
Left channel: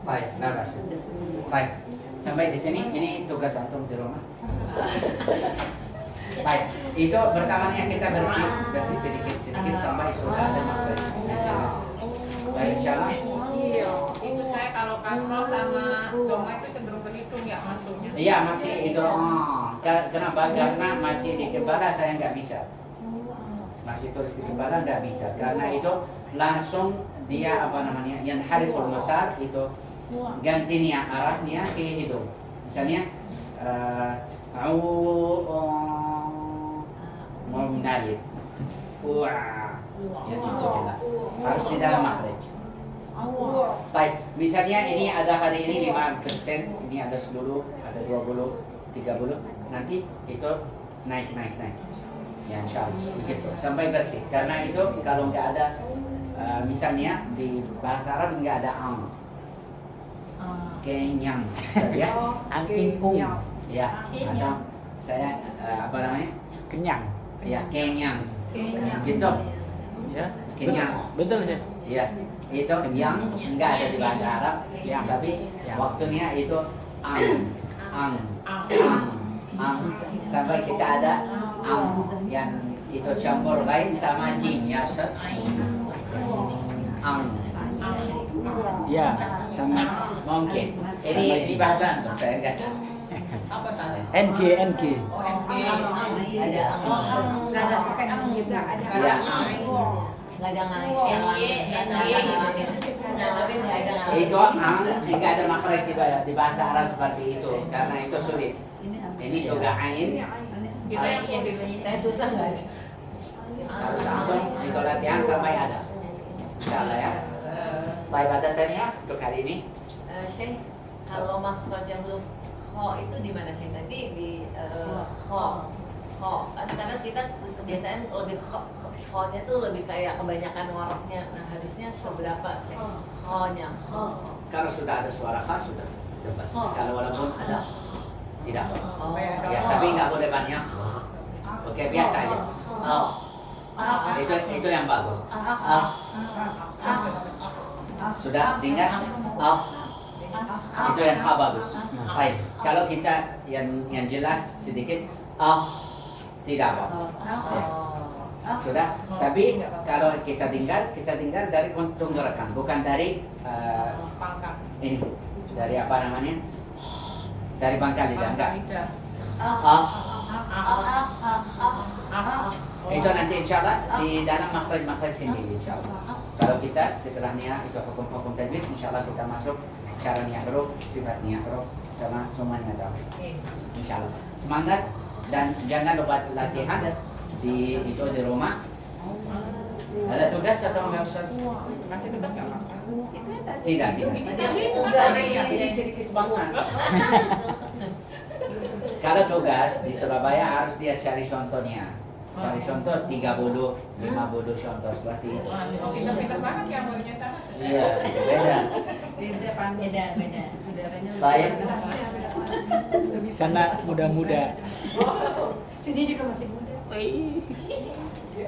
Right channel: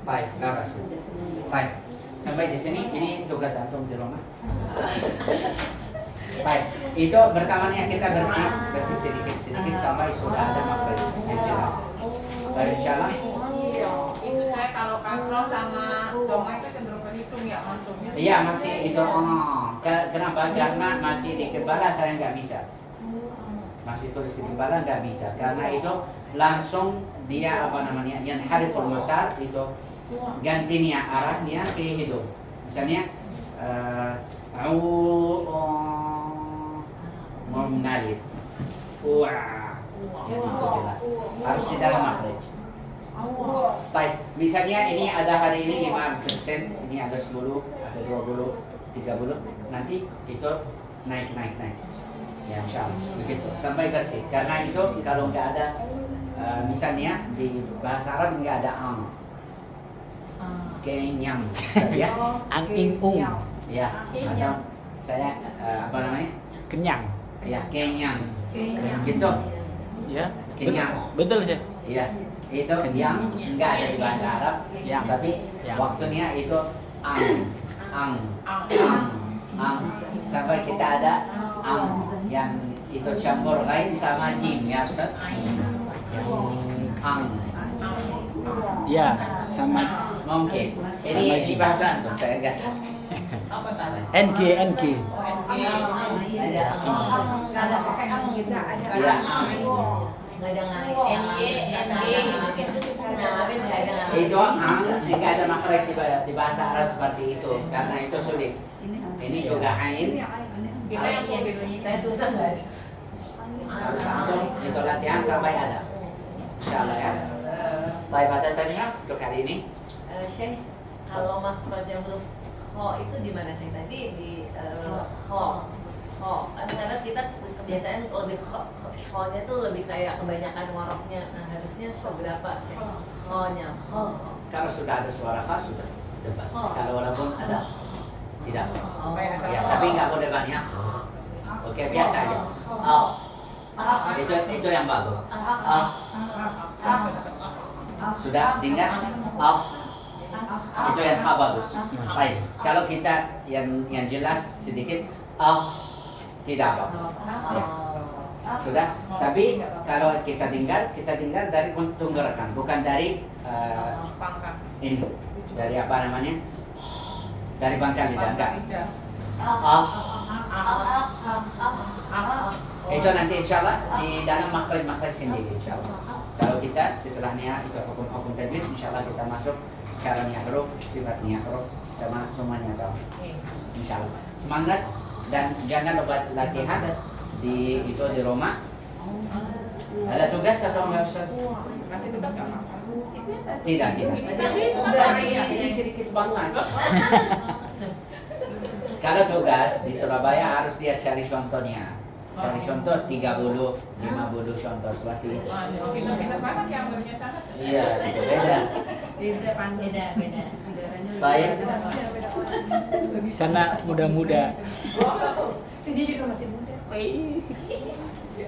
baik, naras. Baik, sampai di sini. Ini tugas antum di rumah. Baik, itu pertamanya kita bersih sedikit sampai sudah ada makhraj yang jelas. Baik, insyaallah. Itu saya kalau kasroh sama doma itu cenderung berhitung ya maksudnya. Iya masih itu. Kenapa? Karena masih di kepala saya nggak bisa. Masih tulis di kepala nggak bisa. Karena itu langsung dia yang hariful masar itu gantinya arahnya ke hidung. Misalnya mau menarik. Itu jelas. Harus di dalam makhraj. Baik, misalnya ini ada hari ini 5%, ini ada 10, ada 20, 30, nanti itu naik. Ya insyaallah begitu sampai bersih. Karena itu kalau nggak ada misalnya di bahasa Arab nggak ada kenyang saja ya atau saya kenyang ya kenyang gitu ya kenyang betul sih ya itu yang nggak ada di bahasa Arab ya. Tapi waktunya itu ang sampai kita ada yang itu campur lain sama jim ya Ustaz. ya sama Mungkin ini di bahasa Arab saya nggak tahu. NG Ada nggak ada pakai gitu ada nggak ada itu nggak ada makhraj di bahasa Arab seperti itu karena itu sulit. Ini juga ain kita yang susah nggak ada. harus antum itu latihan sampai ada. Insyaallah ya. Baik, ada tanya untuk hari ini. Syekh, kalau makhraj huruf kho itu di mana Syekh? Tadi di kho. Kan karena kita kebiasaan kalau di kho-nya itu lebih kayak kebanyakan ngoroknya. Nah, harusnya seberapa Syekh? Kho-nya. Kalau sudah ada suara khas sudah. depan. Kalau walaupun ada tidak. Kayak ada Ya, tapi nggak boleh banyak. Oke, biasa aja. Itu yang bagus. Sudah dengar? Itu yang bagus. Baik. Kalau kita yang jelas sedikit, tidak apa-apa. Ya. Sudah. Tapi kalau kita dengar dari tenggorokan, bukan dari pangkat. ini, dari apa namanya? Dari pangkal lidah, enggak. Itu nanti insya Allah di dalam makhraj sendiri insya Allah. Kalau kita setelahnya itu hukum-hukum tajwid, insya Allah kita masuk cara niat huruf, sifat niat huruf, sama semuanya tahu. Insya Allah. Semangat dan jangan lupa latihan di rumah. Ada tugas atau enggak usah? Masih tetap nggak apa-apa. Tidak. Ini sedikit banget. Kalau tugas di Surabaya harus dia cari contohnya. Cari contoh 30, 50 contoh seperti itu. Pinter-pinter banget ya muridnya sana. Iya, beda. Beda. Baik. Sana muda-muda. Sini juga masih muda.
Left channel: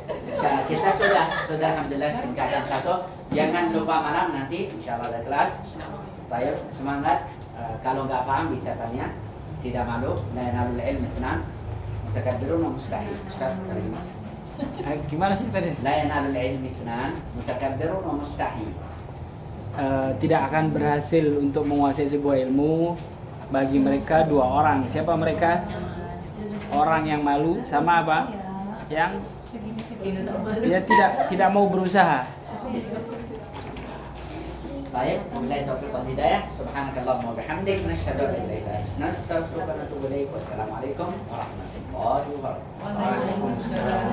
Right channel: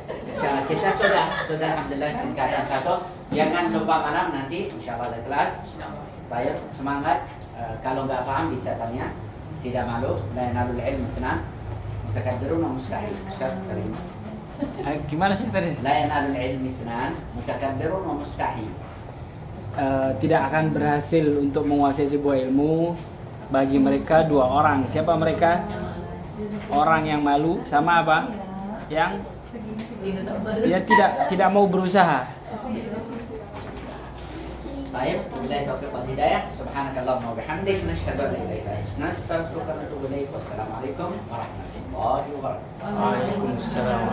Insya kita sudah alhamdulillah tingkatan 1. Jangan lupa malam nanti insya Allah ada kelas. Baik, semangat. Kalau nggak paham bisa tanya. Tidak malu. La yanalul ilm itnan. Mutakabbirun mustahil. Ustaz Karim. Gimana sih tadi? La yanalul ilm itnan. Mutakabbirun mustahil. Tidak akan berhasil untuk menguasai sebuah ilmu bagi mereka dua orang. Siapa mereka? Orang yang malu sama apa? Yang dia tidak mau berusaha. Baik, wabillahi taufiq wal hidayah. Subhanakallahumma wa bihamdik, nasyhadu an la ilaha illa anta, nastaghfiruka wa natubu ilaik. Wassalamualaikum warahmatullahi wabarakatuh. Waalaikumsalam.